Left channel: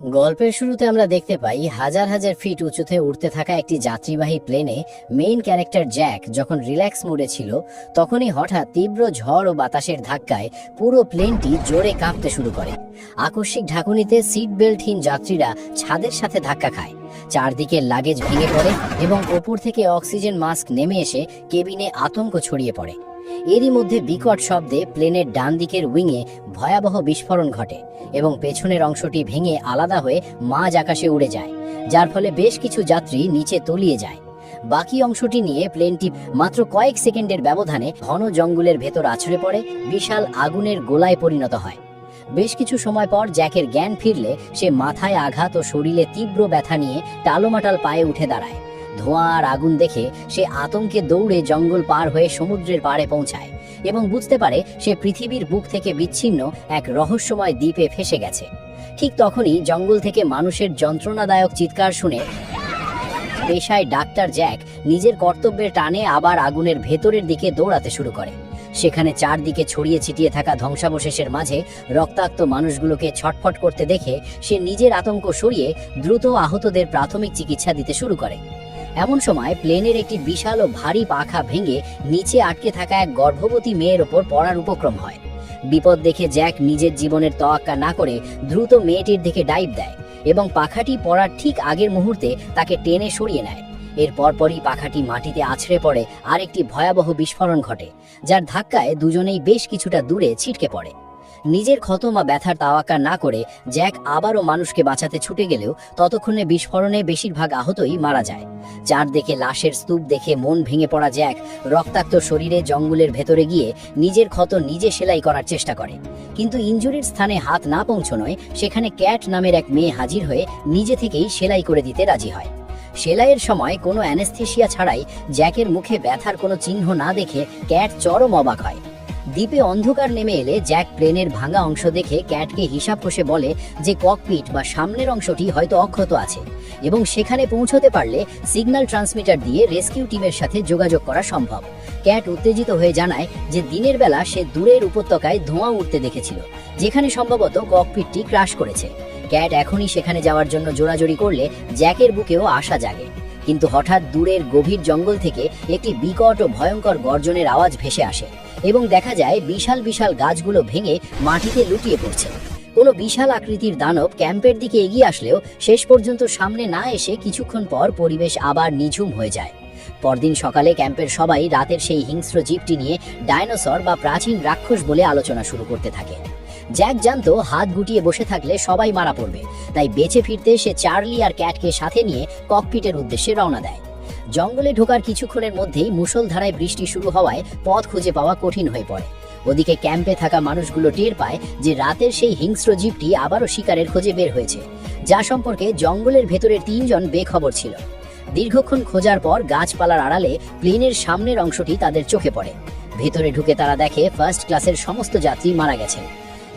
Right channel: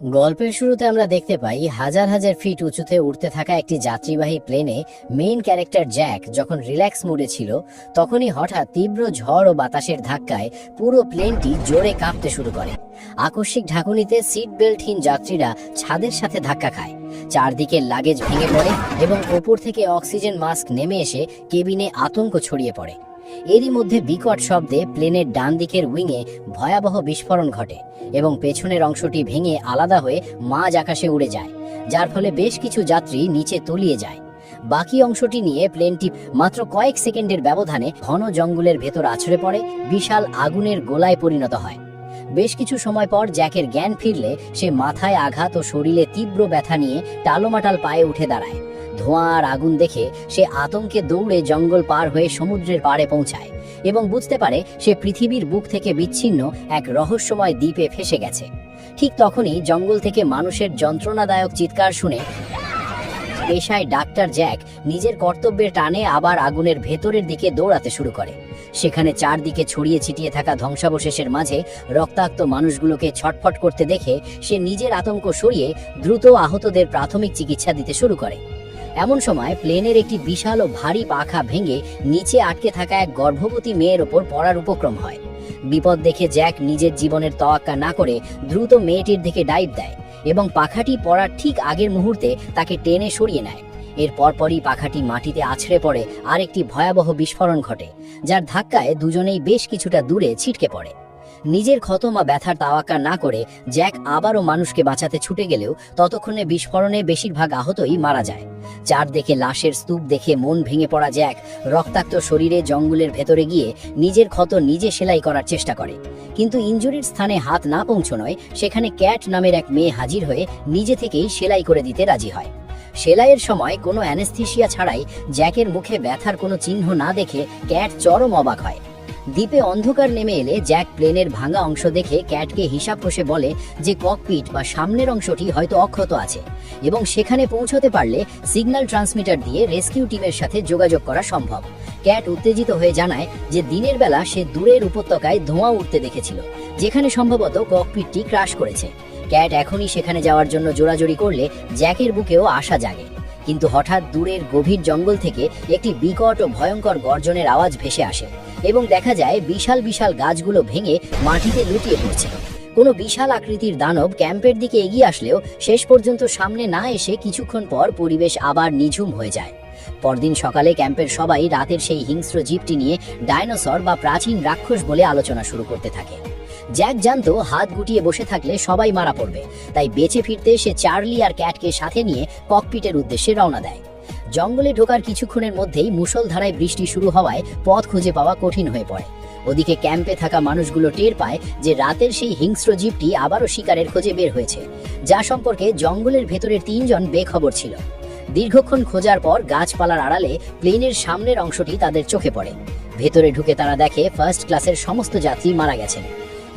গল্পের শুরুতে আমরা দেখতে পাই হাজার হাজার ফিট উঁচুতে উঠতে থাকা একটি যাত্রীবাহী প্লেনে মেইন ক্যারেক্টার জ্যাক যখন রিল্যাক্স মোডে ছিল তখনই হঠাৎ তীব্র ঝড় ও বাতাসের ধাক্কায় পুরো প্লেনটি জোরে কাঁপতে শুরু করে। আকস্মিক ঝাঁকুনিতে সিট বেল্টহীন যাত্রীরা ছাদের সাথে ধাক্কা খায়, চারদিকের লাগেজ ভেঙে পড়ে এবং উপর থেকে অক্সিজেন মাস্ক নেমে এসে কেবিনে আতঙ্ক ছড়িয়ে পড়ে। এরই মধ্যে বিকট শব্দে প্লেনের ডান দিকের উইংয়ে ভয়াবহ বিস্ফোরণ ঘটে এবং পেছনের অংশটি ভেঙে আলাদা হয়ে মাঝ আকাশে উড়ে যায়, যার ফলে বেশ কিছু যাত্রী নিচে তলিয়ে যায়। বাকি অংশটি নিয়ে প্লেনটি মাত্র কয়েক সেকেন্ডের ব্যবধানে ঘন জঙ্গলের ভেতর আছড়ে পড়ে বিশাল আগুনের গোলায় পরিণত হয়। বেশ কিছু সময় পর জ্যাকের জ্ঞান ফিরলে সে মাথায় আঘাত ও শরীরে তীব্র ব্যথা নিয়ে টালোমাটাল পায়ে উঠে দাঁড়ায়। ধোঁয়া আর আগুন দেখে সে আতঙ্কে দৌড়ে জঙ্গল পার হয়ে সমুদ্রের পাড়ে পৌঁছায় এবং বুঝতে পারে সে পৃথিবীর বুক থেকে বিচ্ছিন্ন এক রহস্যময় দ্বীপে ফেসে গেছে। ঠিক তখনই জঙ্গল থেকে মানুষের যন্ত্রণাদায়ক চিৎকার শুনে পেশায় ডাক্তার জ্যাক নিজের কর্তব্যের টানে আবার আগুনের ভেতরের দিকে দৌড়াতে শুরু করে। সেখানে চারদিকে ছড়িয়ে ছিটিয়ে থাকা ধ্বংসাবশেষের মাঝে রক্তাক্ত মানুষগুলোকে ছটফট করতে দেখে সে নিজের আতঙ্ক সরিয়ে দ্রুত আহতদের প্রাথমিক চিকিৎসা দিতে শুরু করে। এমন সময় প্লেনের একটি বিশাল ও ভারী পাখা ভেঙে নিচে আটকে থাকা এক গর্ভবতী মেয়ের ওপর পড়ার উপক্রম হয়। বিপদ দেখে জ্যাক নিজের জীবনের তোয়াক্কা না করে দ্রুত মেয়েটির দিকে ডাইভ দেয় এবং পাখাটি পড়ার ঠিক আগের মুহূর্তে তাকে টেনে সরিয়ে নেয়। এর পরপরই পাখাটি মাটিতে আছড়ে পড়ে আর একটি ভয়াবহ বিস্ফোরণ ঘটে, যার ধাক্কায় দুজনেই বেশ কিছুটা দূরে ছিটকে পড়ে। নিজের ক্ষতমা ব্যথার তাওয়াক্কা না করে জ্যাক আবারও মানুষকে বাঁচাতে ছুটে গেলেও ততক্ষণে বিস্ফোরণে বেশিরভাগ আহতই মারা যায়। চারদিকে লাশের স্তূপ দেখে মন ভেঙে পড়া জ্যাক রক্তাক্ত শরীরে জঙ্গলের ভেতরে গিয়ে নিজের ক্ষত নিজে সেলাই করার চেষ্টা করে, কিন্তু ইনজুরির স্থানে হাত না পৌঁছনোয় সেখানে ক্যাট নামের এক মেয়ে হাজির হয়ে নিজে থেকেই সেলাই করে দিতে রাজি হয়। সেলাইয়ের সময় কোনো অ্যানেস্থেশিয়া ছাড়াই জ্যাকের মুখে ব্যথার কোনো চিহ্ন না দেখে ক্যাট চরম অবাক হয়। দ্বীপে অন্ধকার নেমে এলে জ্যাক প্লেনের ভাঙা অংশ দেখে ক্যাটকে হিসাব কষে বলে যে ককপিট বা সামনের অংশটি হয়তো অক্ষত আছে এবং সেখানে পৌঁছতে পারলে সিগন্যাল ট্রান্সমিটার দিয়ে রেস্কিউ টিমের সাথে যোগাযোগ করা সম্ভব। ক্যাট উত্তেজিত হয়ে জানায় যে দিনের বেলা সে দূরের উপত্যকায় ধোঁয়া উঠতে দেখেছিল, যেখানে সম্ভবত ককপিটটি ক্রাশ করেছে। ক্যাট এখনই সেখানে যাওয়ার জন্য জোরাজুরি করলে জ্যাকের বুকেও আশা জাগে, কিন্তু হঠাৎ দূরের গভীর জঙ্গল থেকে একটি বিকট ও ভয়ঙ্কর গর্জনের আওয়াজ ভেসে আসে এবং দেখা যায় বিশাল বিশাল গাছগুলো ভেঙে মাটিতে লুটিয়ে পড়ছে। কোনো বিশাল আকৃতির দানব ক্যাম্পের দিকে এগিয়ে আসলেও শেষ পর্যন্ত সামনে না এসে কিছুক্ষণ পর পরিবেশ আবার নিঝুম হয়ে যায়। পরদিন সকালে ক্যাম্পের সবাই রাতের সেই হিংস্র জীবটি নিয়ে ডাইনোসর বা প্রাচীন রাক্ষস বলে আলোচনা শুরু করতে থাকে। জ্যাক জানতো হাত গুটিয়ে বসে থাকলে সবাই মারা পড়বে, তাই বেঁচে ফিরতে সে চার্লি আর ক্যাটকে সাথে নিয়ে ককপিটের উদ্দেশ্যে রওনা দেয়। জঙ্গলে ঢোকার কিছুক্ষণের মধ্যেই মুষলধারায় বৃষ্টি শুরু হওয়ায় পথ খুঁজে পাওয়া কঠিন হয়ে পড়ে। ওদিকে ক্যাম্পে থাকা মানুষগুলো টের পায় যে রাতের সেই হিংস্র জীবটি আবারও শিকারের খোঁজে বের হয়েছে, যা সম্পর্কে জঙ্গলের ভেতরের তিনজন বেখবর ছিল। দীর্ঘক্ষণ খোঁজার পর গাছপালার আড়ালে প্লেনের সামনের অংশটি তাদের চোখে পড়ে। ভেতরে ঢুকে তারা দেখে ফার্স্ট ক্লাসের সমস্ত যাত্রী মারা গেছেন।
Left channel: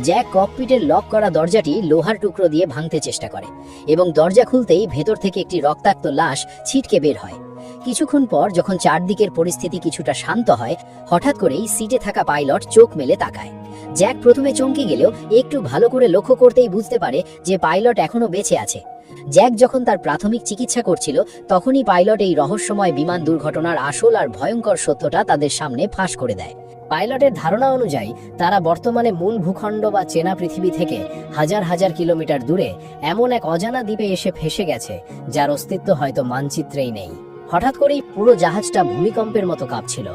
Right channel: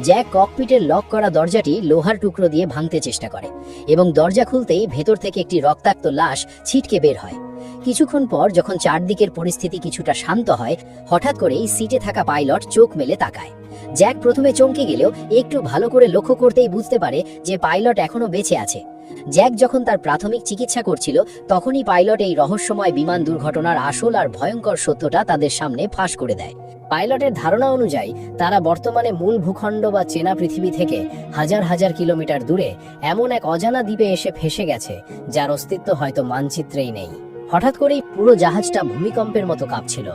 জ্যাক ককপিটের লক করা দরজাটি লোহার টুকরো দিয়ে ভাঙতে চেষ্টা করে এবং দরজা খুলতেই ভেতর থেকে একটি রক্তাক্ত লাশ ছিটকে বের হয়। কিছুক্ষণ পর যখন চারদিকের পরিস্থিতি কিছুটা শান্ত হয়, হঠাৎ করেই সিটে থাকা পাইলট চোখ মেলে তাকায়। জ্যাক প্রথমে চমকে গেলেও একটু ভালো করে লক্ষ্য করতেই বুঝতে পারে যে পাইলট এখনো বেঁচে আছে। জ্যাক যখন তার প্রাথমিক চিকিৎসা করছিল তখনই পাইলট এই রহস্যময় বিমান দুর্ঘটনার আসল আর ভয়ঙ্কর সত্যটা তাদের সামনে ফাঁস করে দেয়। পাইলটের ধারণা অনুযায়ী তারা বর্তমানে মূল ভূখণ্ড বা চেনা পৃথিবী থেকে হাজার হাজার কিলোমিটার দূরে এমন এক অজানা দ্বীপে এসে ফেসে গেছে যার অস্তিত্ব হয়তো মানচিত্রেই নেই। হঠাৎ করেই পুরো জাহাজটা ভূমিকম্পের মতো কাঁপছিল।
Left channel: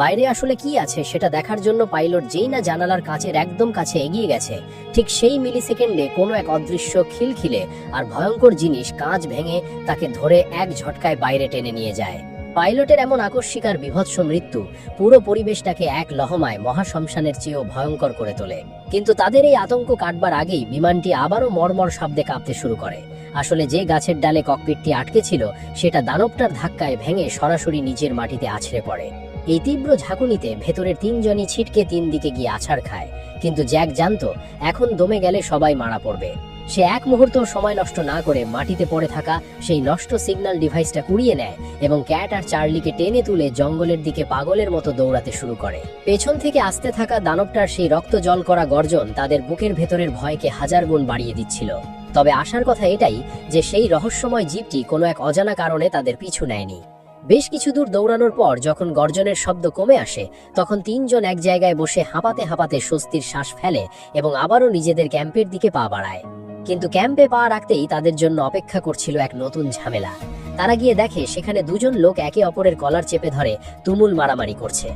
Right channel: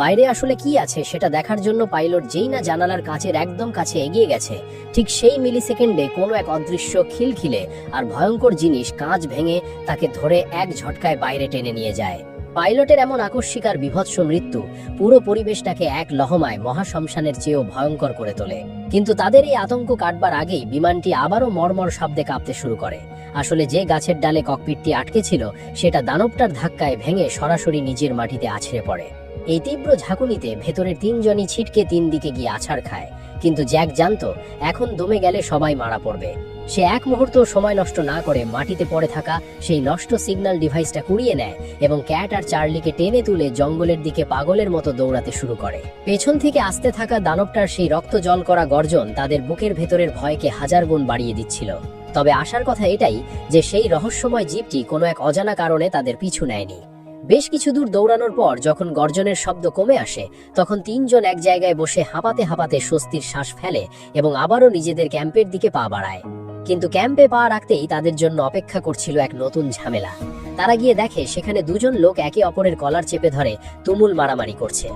বাইরে আসলে কি আছে সেটা দেখার জন্য পাইলট যেই না জানালার কাচের একদম কাছে এগিয়ে গেছে, ঠিক সেই মিলি সেকেন্ডে কোনো এক অদৃশ্য খিলখিলে আর ভয়ঙ্কর জিনিস কাঁচ ভেঙে তাকে ধরে এক ঝটকায় বাইরে টেনে নিয়ে যায়। পাইলটের এমন আকস্মিক আর বীভৎস মৃত্যু পুরো পরিবেশটাকে এক লহমায় মহাশ্মশানের চেয়েও ভয়ঙ্কর করে তোলে। কিন্তু তাদের এই আতঙ্ক কাটবার আগেই বিমানটি আবারও মর্মর শব্দে কাঁপতে শুরু করে। আসলে যে গাছের ডালে ককপিটটি আটকে ছিল সেটা দানবটার ধাক্কায় ভেঙে সরাসরি নিচের মাটিতে আছড়ে পড়ে। এই তীব্র ঝাঁকুনিতে ভেতরের তিনজনই ছিটকে তিন দিকে গিয়ে আছাড় খায়, কিন্তু জ্যাক জানতো এখন দমে গেলে সবাই মারা পড়বে। সে এক মুহূর্ত সময় নষ্ট না করে মাটিতে পড়ে থাকা সেই নষ্ট সিগন্যাল ডিভাইসটা কুড়িয়ে নেয় এবং ক্যাট আর চার্লিকে টেনে তুলে জঙ্গলের দিকে পাগলের মতো দৌড়াতে শুরু করে। পেছন থেকে আসতে থাকা দানবটার সেই রক্ত জল করা গর্জন তাদের বুকের ভেতরের ভয়কে হাজার গুণ বাড়িয়ে দিচ্ছিল। তবে আসার কথা এটাই যে সেই রহস্যময় জীবটি কোনো এক অজানা কারণে তাদের পিছু নেয়নি। বেশ কিছু দূর দৌড়ানোর পর যখন গর্জনের শব্দ কমে আসে, তখন তিনজন এক জায়গায় বসে হাঁপাতে হাঁপাতে স্বস্তির শ্বাস ফেলে এবং আবারও নিজেদের ক্যাম্পের দিকে পা বাড়ায়। কিন্তু ক্যাম্পে পা রাখতেই তাদের জন্য অপেক্ষা করছিল এক নতুন ঝামেলা। তারা গিয়ে দেখে সেখানে দুজন লোক একে অপরের কলার চেপে ধরে তুমুল মারামারি করছে।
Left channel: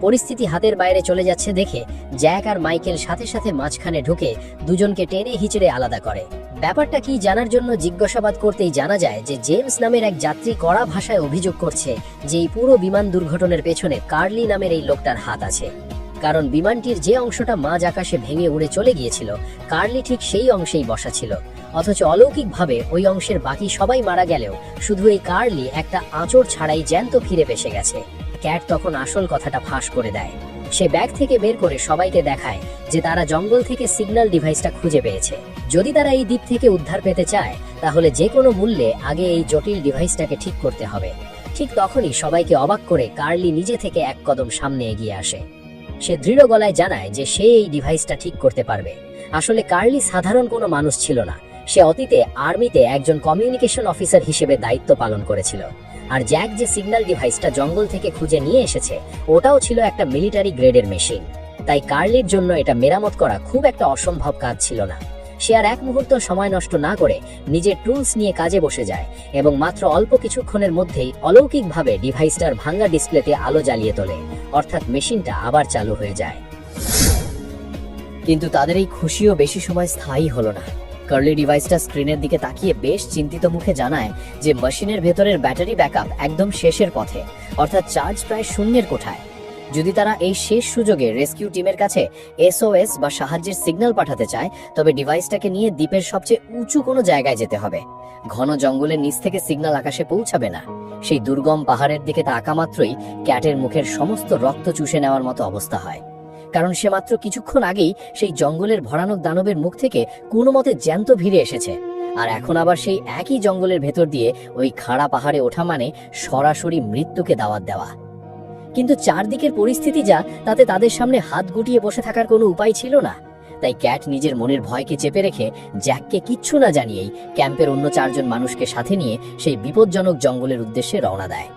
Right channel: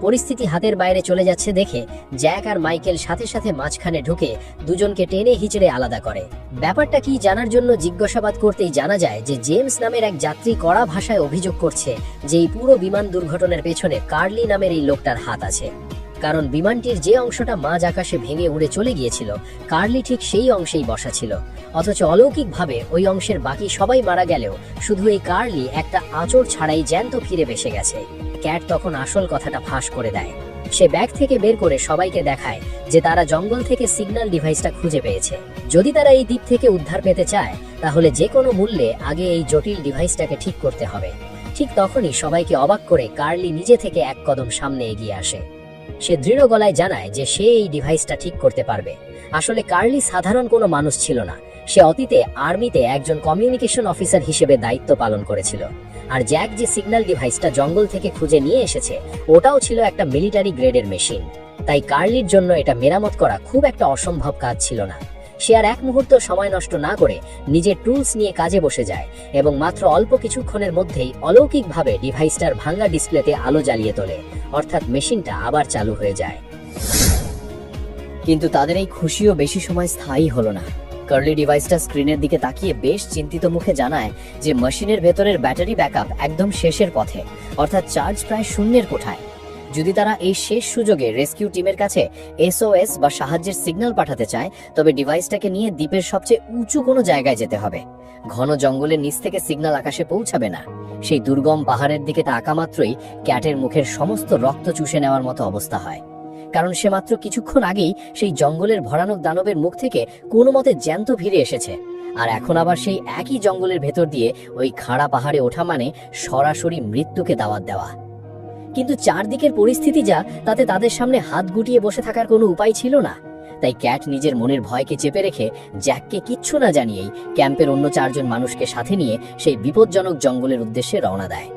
পরিস্থিতি হাতের বাইরে চলে যাচ্ছে দেখে জ্যাক আর মাইকেল সাথে সাথে মাঝখানে ঢুকে দুজনকে টেনে হিচড়ে আলাদা করে। ব্যাপারটা কি জানার জন্য জিজ্ঞাসাবাদ করতেই জানা যায় যে জেমস নামের এক যাত্রী কড়া ভাষায় অভিযোগ করছে যে এই পুরো বিমান দুর্ঘটনার পেছনে কার্লি নামের এই লোকটার হাত আছে। কারণ বিমানটির যে অংশটা মাঝ আকাশে ভেঙে উড়ে চলে গিয়েছিল, কার্লি ঠিক সেই অংশেই বসা ছিল। অথচ অলৌকিকভাবে ওই অংশের বাকি সবাই মারা গেলেও শুধু এই কার্লি একটা আঁচড় ছাড়াই জ্যান্ত ফিরে ভেসে গেছে। ক্যাট তখন আসল কথাটা ফাঁস করে দেয়। সে ব্যাগ থেকে বের করে সবাইকে দেখায় যে তারা জঙ্গল থেকে সিগন্যাল ডিভাইসটা খুঁজে পেয়েছে। যদি তারা এই দ্বীপ থেকে উদ্ধার পেতে চায়, তাহলে যে কোনো মূল্যে আগে এই জটিল ডিভাইসটাকে ঠিক করতে হবে। ঠিক তখনই সবাইকে অবাক করে কার্লি নিজে থেকে এক কদম সামনে এগিয়ে আসে। সে দৃঢ় গলায় জানায় যে সে এই ডিভাইসটা ঠিক করতে পারবে। আসলে কার্লি সাধারণ কোনো মানুষ ছিল না। সে অতীতে আর্মিতে একজন কমিউনিকেশন অফিসার হিসেবে দায়িত্ব পালন করেছিল। আর জ্যাক যে সিগন্যাল ডিভাইসটা জঙ্গল থেকে খুঁজে নিয়ে এসেছে, ওটাও ছিল একটা মিলিটারি গ্রেডের মেশিন। তাই কার্লির জন্য এটা মেরামত করা খুব একটা অসম্ভব কাজ ছিল না। সে আর এক মুহূর্ত সময় নষ্ট না করে নিজের টুলস নিয়ে কাজে বসে যায় এবং মাত্র অল্প কিছুক্ষণের মধ্যেই অলৌকিকভাবে ডিভাইসটার ভাঙা ডিসপ্লেতে আলো জ্বালিয়ে তোলে, অর্থাৎ মেশিনটা আবার চালু হয়ে যায়। কিন্তু তাদের এই খুশিও বেশি সময় স্থায়ী হলো না। কার্লি ডিভাইসটা স্ক্রিনের দিকে তাকিয়ে বেশ চিন্তিত মুখে জানায় যে মেশিনের ভেতরের ব্যাটারি ব্যাকআপ একদম শেষের পথে, অর্থাৎ চার্জ প্রায় শূন্যের কোঠায়। যদি তারা এই শেষ সুযোগে রেস্কিউ টিমের কাছে এসওএস বা সাহায্যের সিগন্যাল পাঠাতে চায়, তবে ডিভাইসটাকে নিয়ে দ্বীপের সবচেয়ে উঁচু কোনো জায়গায় যেতে হবে। ঘন জঙ্গলের নিচ থেকে সিগন্যাল আকাশে পৌঁছাবে না। সেই দুর্গম পাহাড়ের দিকে তাকা মাত্রই ক্যাটের মুখের সমস্ত রক্ত চুষে নেওয়ার মতো অবস্থা হয়। কারণ সে মাত্র কিছুক্ষণ আগেই সেই জঙ্গলের ভয়ানক দানবের মুখ থেকে কোনো মতে জ্যান্ত ভিড়ে এসেছে। আর এখন আবার সেই একই জঙ্গলের ভেতর দিয়ে ওই খাড়া পাহাড়ে ওঠা মানে সরাসরি মৃত্যুকে দাওয়াত দেওয়া। কিন্তু চারদিকের পরিস্থিতি যা, তাতে তাদের সামনে হাত গুটিয়ে বসে থাকার কোনো উপায় ছিল না। তাই ক্যাট নিজের মনের ভয়কে চেপে রেখে জ্যাককে কিচ্ছু না জানিয়েই ক্যাম্পের অন্য চারজন মানুষকে সাথে নিয়ে সেই বিপজ্জনক জঙ্গলের উদ্দেশ্যে রওনা দেয়।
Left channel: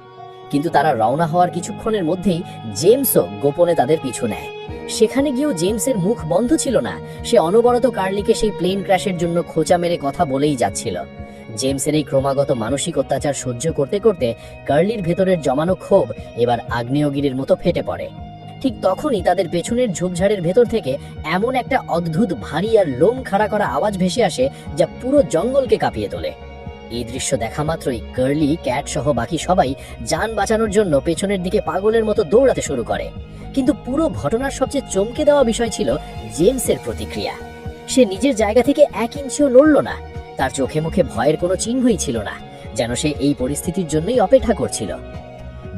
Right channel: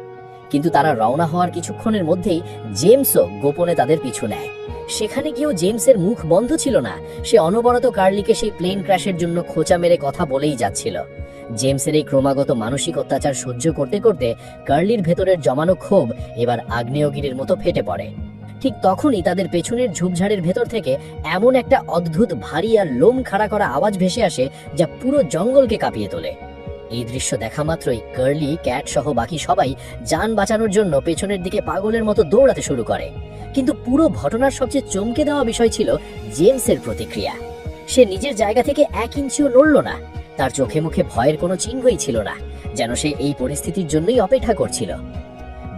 কিন্তু তারা রওনা হওয়ার কিছুক্ষণের মধ্যেই জেমসও গোপনে তাদের পিছু নেয়। সেখানে গিয়েও জেমসের মুখ বন্ধ ছিল না। সে অনবরত কার্লিকে সেই প্লেন ক্র্যাশের জন্য খোঁচা মেরে কথা বলেই যাচ্ছিল। জেমসের এই ক্রমাগত মানসিক অত্যাচার সহ্য করতে করতে কার্লির ভেতরের জমানো ক্ষোভ এবার আগ্নেয়গিরির মতো ফেটে পড়ে। ঠিক তখনই তাদের পেছনের ঝোপঝাড়ের ভেতর থেকে এমন একটা অদ্ভুত ভারী আর লোম খাড়া করা আওয়াজ ভেসে আসে যা পুরো জঙ্গলকে কাঁপিয়ে তোলে। এই দৃশ্য দেখা মাত্রই কার্লি, ক্যাট সহ বাকি সবাই যান বাঁচানোর জন্য পেছনের দিকে পাগলের মতো দৌড়াতে শুরু করে। কিন্তু পুরো ঘটনার সবচেয়ে চমকে দেওয়া বিষয় ছিল জেমসের প্রতিক্রিয়া। সে নিজের জায়গা থেকে 1 ইঞ্চিও নড়ল না। তার চোখে মুখে ভয়ের কোনো চিহ্নই ছিল না, যেন সে এই পরিস্থিতির জন্যই অপেক্ষা করছিল।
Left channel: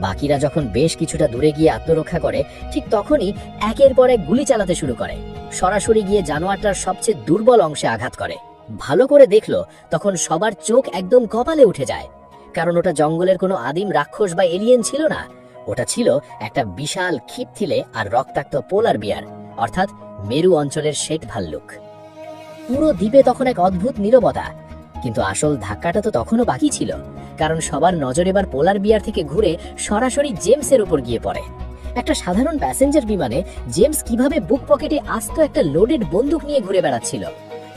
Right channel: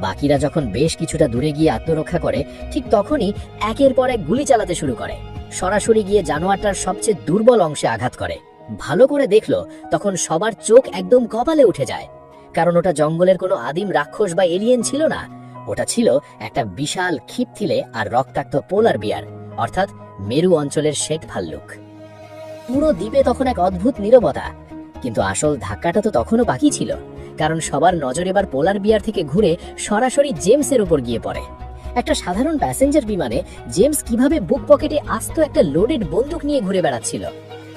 বাকিরা যখন বেশ কিছুটা দূরে গিয়ে আত্মরক্ষা করে, ঠিক তখনই একের পর এক গুলি চালাতে শুরু করে। সরাসরি গিয়ে জানোয়ারটার সবচেয়ে দুর্বল অংশে আঘাত করে। ভালো করে দেখলো তখন সবার চোখ একদম কপালে উঠে যায়। কারণ ওটা জঙ্গলের কোনো আদিম রাক্ষস বা এলিয়েন ছিল না, ওটা ছিল একটা বিশাল খিপথিলে আর রক্তাক্ত পোলার বিয়ার, অর্থাৎ মেরু অঞ্চলের শেঠ ভাল্লুক। পুরো দ্বীপে তখন এক অদ্ভুত নীরবতা। কিন্তু আসল ধাক্কাটা তো তখনও বাকি ছিল, কারণ সবার নজর এবার পোলার বিয়ার থেকে ঘুরে সরাসরি জেমসের উপর গিয়ে পড়ে। একটা সাধারণ প্যাসেঞ্জার বিমানে জেমস কিভাবে বুক পকেটে আস্ত একটা লোডেড বন্দুক নিয়ে ঘুরে বেড়াচ্ছিল।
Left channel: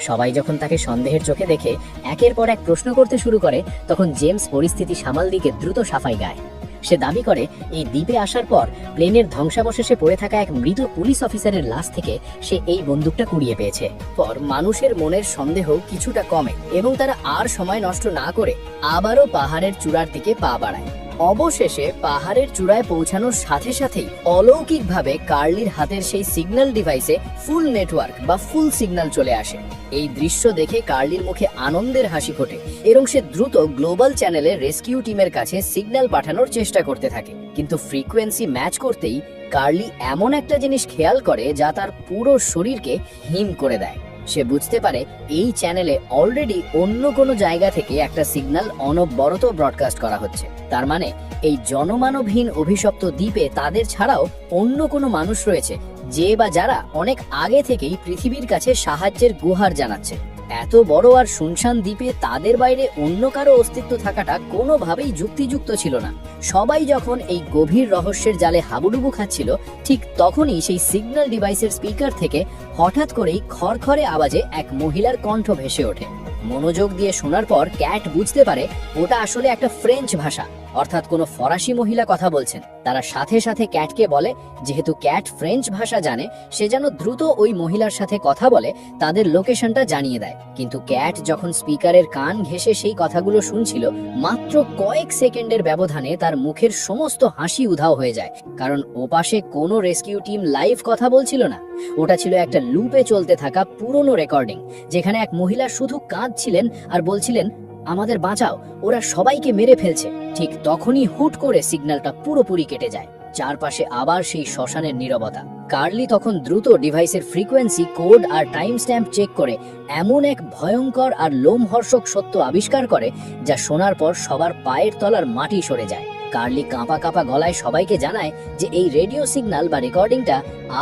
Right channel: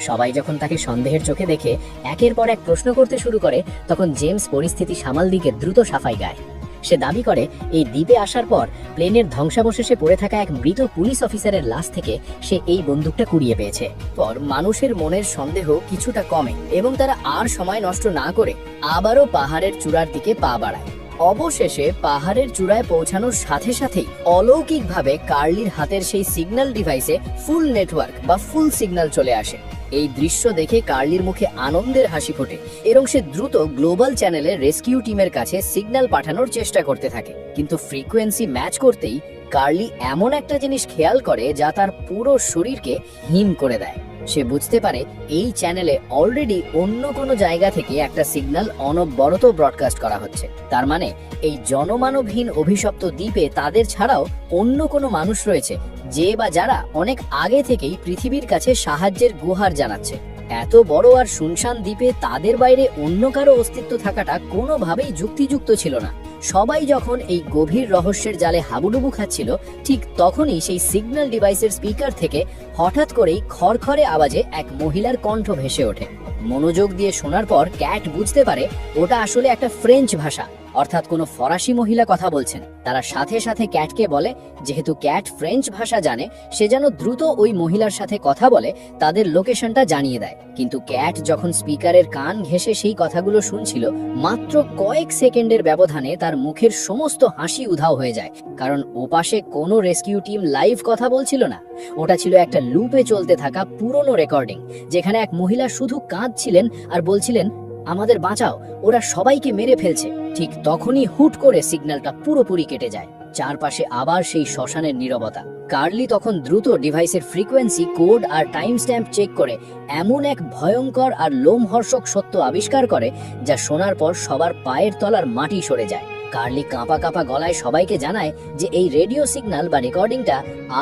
সবাই যখন তাকে সন্দেহের চোখে দেখে একের পর এক প্রশ্ন করতে শুরু করে, তখন জেমস পরিস্থিতি সামাল দিকে দ্রুত সাফাই গায়। সে দাবি করে এই দ্বীপে আসার পর প্লেনের ধ্বংসাবশেষে পড়ে থাকা এক মৃত পুলিশ অফিসারের লাশ থেকে সে এই বন্দুকটা কুড়িয়ে পেয়েছে। পর মানুষের মনের সন্দেহ কিছুটা কমে এবং তারা আর সময় নষ্ট না করে আবারও পাহাড়ের চূড়ার দিকে পা বাড়ায়। অবশেষে পাহাড়ের চূড়ায় পৌঁছানোর সাথে সাথেই অলৌকিকভাবে কার্লির হাতের সেই সিগন্যাল ডিভাইসে ফুল নেটওয়ার্ক বা ফুল সিগন্যাল চলে আসে। এই দৃশ্য দেখে কার্লির মুখে আনন্দের হাসি ফোটে এবং সে দ্রুত গ্লোবাল চ্যানেলে রেস্কিউ টিমের কাছে সিগন্যাল পাঠানোর চেষ্টা করতে থাকে। কিন্তু ফ্রিকোয়েন্সি ম্যাচ করতেই কার্লি এমন একটা জিনিস খেয়াল করে যা তার পুরো শরীরকে হিম করে দেয়। সে বুঝতে পারে এই চ্যানেলে অলরেডি অন্য কোনো জায়গা থেকে একটা সিগন্যাল অনবরত ব্রডকাস্ট করা হচ্ছে। তার মানে এই জনমানবহীন অভিশপ্ত দ্বীপে তাদের ছাড়াও অন্য কোনো মানুষ রয়েছে, যে বা যারা অনেক আগে থেকেই পৃথিবীর কাছে সাহায্যের গুহার জানাচ্ছে। এত বড় আর শুনশান দ্বীপে তাদের বাইরে অন্য কারো অস্তিত্ব থাকাটা কোনোভাবেই যুক্তিযুক্ত ছিল না। সবাই যখন এই গভীর রহস্যের জালে হাবুডুবু খাচ্ছিল, ঠিক তখনই সেই সিগন্যাল ডিভাইসের স্পিকার থেকে হঠাৎ করেই খড়খড়ে আওয়াজে এক মহিলার কণ্ঠ ভেসে ওঠে। মনোযোগ দিয়ে শোনার পর ক্যাট বুঝতে পারে ওটা আসলে একটা ফ্রেঞ্চ ভাষা, অর্থাৎ কোনো ফরাসি মহিলা কথা বলছেন। তারা সাথে সাথে ক্যাটকে বলে যেহেতু ক্যাট ফ্রেঞ্চ ভাষা জানে, সে যেন দ্রুত ওই মহিলার সাথে কথা বলে তাদের লোকেশনটা জানিয়ে দেয়। কিন্তু ক্যাট যখন স্পিকারের কান ঘেঁষে সেই কথাগুলো শুনছিল, মাত্র কয়েক সেকেন্ডের ব্যবধানে তার মুখের সমস্ত হাসি উধাও হয়ে যায়, কারণ ওপাশে কোনো রেস্কিউ টিম লাইভ কথা বলছিল না। ওটা ছিল একটা লুপে চলতে থাকা পুরনো রেকর্ডিং, যেখানে এক মহিলা শুধু কাঁদছিলেন আর বলছিলেন, আমাদের বাঁচাও, ওরা সবাইকে মেরে ফেলছে। ঠিক তখনই হুট করে সিগন্যালটা পুরোপুরি কেটে যায়। চারপাশে আবার সেই শ্মশানের নীরবতা। কার্লি তখন দ্রুত ডিভাইসের ফ্রিকোয়েন্সি, কোড আর টাইম স্ট্যাম্প চেক করে এমন এক ভয়ঙ্কর আর লোমহর্ষক সত্য আবিষ্কার করে, যা শোনার পর সবার পায়ের তলার মাটি সরে যায়। কার্লি কাঁপা কাঁপা গলায় সবাইকে জানায় যে এই রেডিও সিগন্যাল বা রেকর্ডিংটা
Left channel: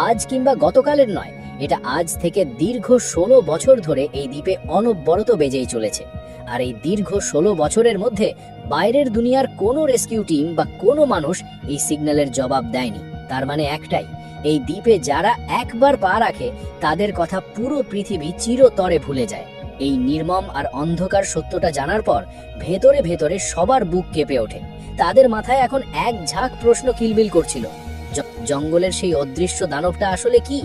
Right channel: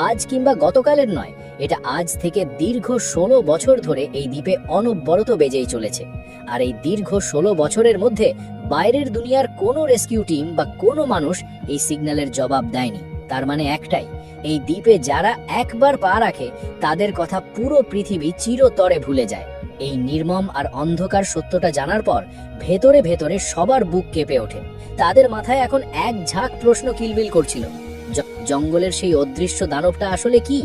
আজ কিংবা গতকালের নয়, এটা আজ থেকে দীর্ঘ 16 বছর ধরে এই দ্বীপে অনবরত বেজেই চলেছে। আর এই দীর্ঘ 16 বছরের মধ্যে বাইরের দুনিয়ার কোনো রেস্কিউ টিম বা কোনো মানুষ এই সিগন্যালের জবাব দেয়নি। তার মানে একটাই, এই দ্বীপে যারা একবার পা রাখে তাদের কথা পুরো পৃথিবী চিরতরে ভুলে যায়। এই নির্মম আর অন্ধকার সত্যটা জানার পর ভেতরে ভেতরে সবার বুক কেঁপে ওঠে। তাদের মাথায় এখন এক ঝাঁক প্রশ্ন কিলবিল করছিল। জঙ্গলের সেই অদৃশ্য দানবটা আসলে কি?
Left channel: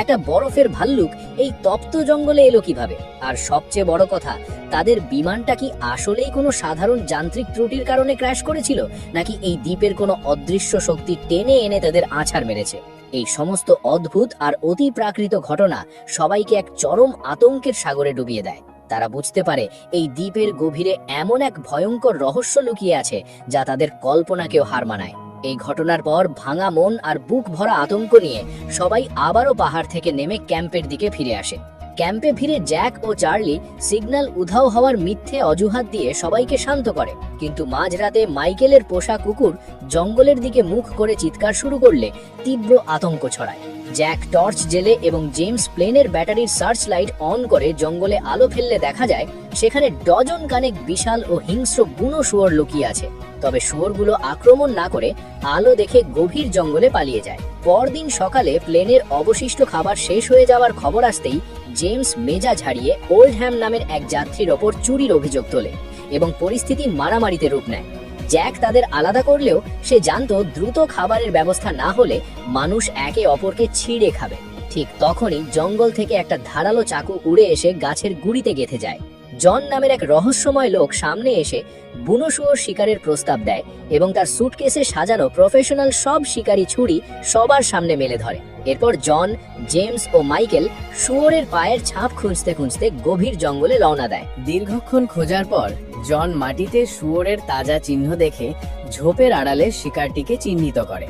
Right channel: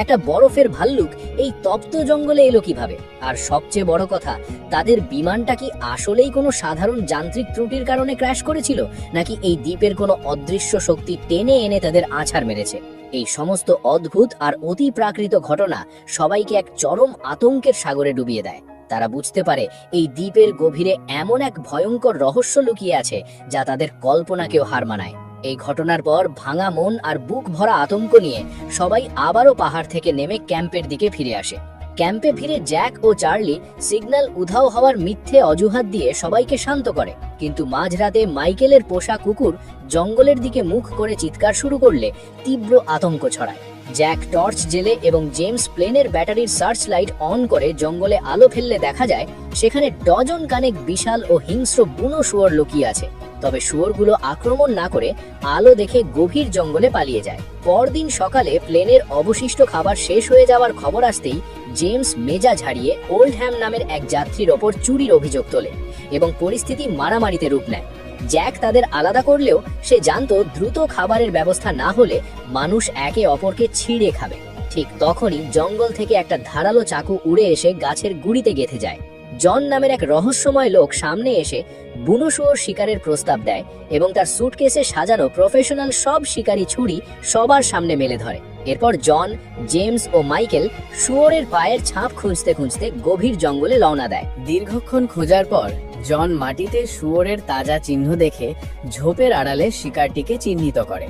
একটা বরফের ভাল্লুক এই তপ্ত জঙ্গলে এলো কিভাবে? আর সবচেয়ে বড় কথা, তাদের বিমানটা কি আসলেই কোনো সাধারণ যান্ত্রিক ত্রুটির কারণে ক্র্যাশ করেছিল, নাকি এই দ্বীপের কোনো অদৃশ্য শক্তি টেনে এনে তাদের আছাড় মেরেছে? এই সমস্ত অদ্ভুত আর অতি প্রাকৃত ঘটনা সবাইকে এক চরম আতঙ্কের সাগরে ডুবিয়ে দেয়। তারা বুঝতে পারে এই দ্বীপের গভীরে এমন এক ভয়ঙ্কর রহস্য লুকিয়ে আছে যা তাদের কল্পনাকেও হার মানায়। এই ঘটনার পর ভাঙা মন আর বুক ভরা আতঙ্ক নিয়ে সবাই আবারও পাহাড় থেকে নেমে ক্যাম্পের দিকে ফিরে আসে। ক্যাম্পে ফিরে জ্যাক ও চার্লি সিগন্যাল উধাও হওয়ার মিথ্যে অজুহাত দিয়ে সবাইকে শান্ত করে, কিন্তু মাঝরাতে মাইকেলের পোষা কুকুর জঙ্গলের দিকে মুখ করে চিৎকার শুরু করলে তীব্র আতঙ্ক ছড়ায়। জ্যাক টর্চ জেলে এবং জেমস প্লেনের ব্যাটারির সার্চ লাইট অন করে জঙ্গলে আলো ফেললে দেখা যায় সেখানে ডজন কানেক বিশাল ও হিংস্র বুনো শুয়োর লুকিয়ে আছে। তবে শুয়োরগুলো আক্রমণ না করে আলো দেখে গভীর জঙ্গলে পালিয়ে যায়। পরদিন সকালে প্লেনের অবশিষ্ট খাবার শেষ হয়ে যাওয়ার খবর আসতেই জেমস মেজাজ হারিয়ে ওল্ডহ্যাম নামের এক যাত্রীর ওপর চুরির অভিযোগ তোলে এবং পরিস্থিতি মারামারিতে রূপ নেয়। জ্যাক তাদের আলাদা করলেও সে জানতো দ্রুত খাবারের ব্যবস্থা না হলে মানুষ একে অপরকে ছিঁড়ে খাবে। ঠিক তখনই জঙ্গল থেকে একটা ধারালো চাকু উড়ে এসে গাছের গুড়িতে গেঁথে যায়। জন নামের এক রহস্যময় লোক সামনে এসে বুনো শুয়োর শিকারের প্রস্তাব দেয় এবং তার সুটকেসে সাজানো প্রফেশনাল সব শিকারি ছুরি সবার সামনে মেলে ধরে। এরপর জন, জেমস ও মাইকেল শুয়োরের পায়ের ছাপ খুঁজতে খুঁজতে গভীর জঙ্গলে রওনা দেয়। দীর্ঘক্ষণ খোঁজার পর জন মাটিতে শুয়োরের তাজা চিহ্ন দেখে ঝোপের আড়ালে শিকারটিকে চিহ্নিত করে।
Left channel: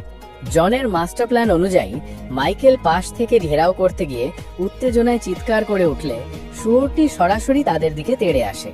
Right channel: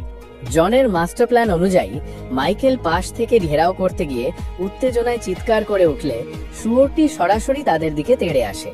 জনের মাস্টার প্ল্যান অনুযায়ী মাইকেল পাশ থেকে ঘেরাও করতে গিয়ে উত্তেজনায় চিৎকার করে উঠলে শুয়োরটি সরাসরি তাদের দিকে তেড়ে আসে।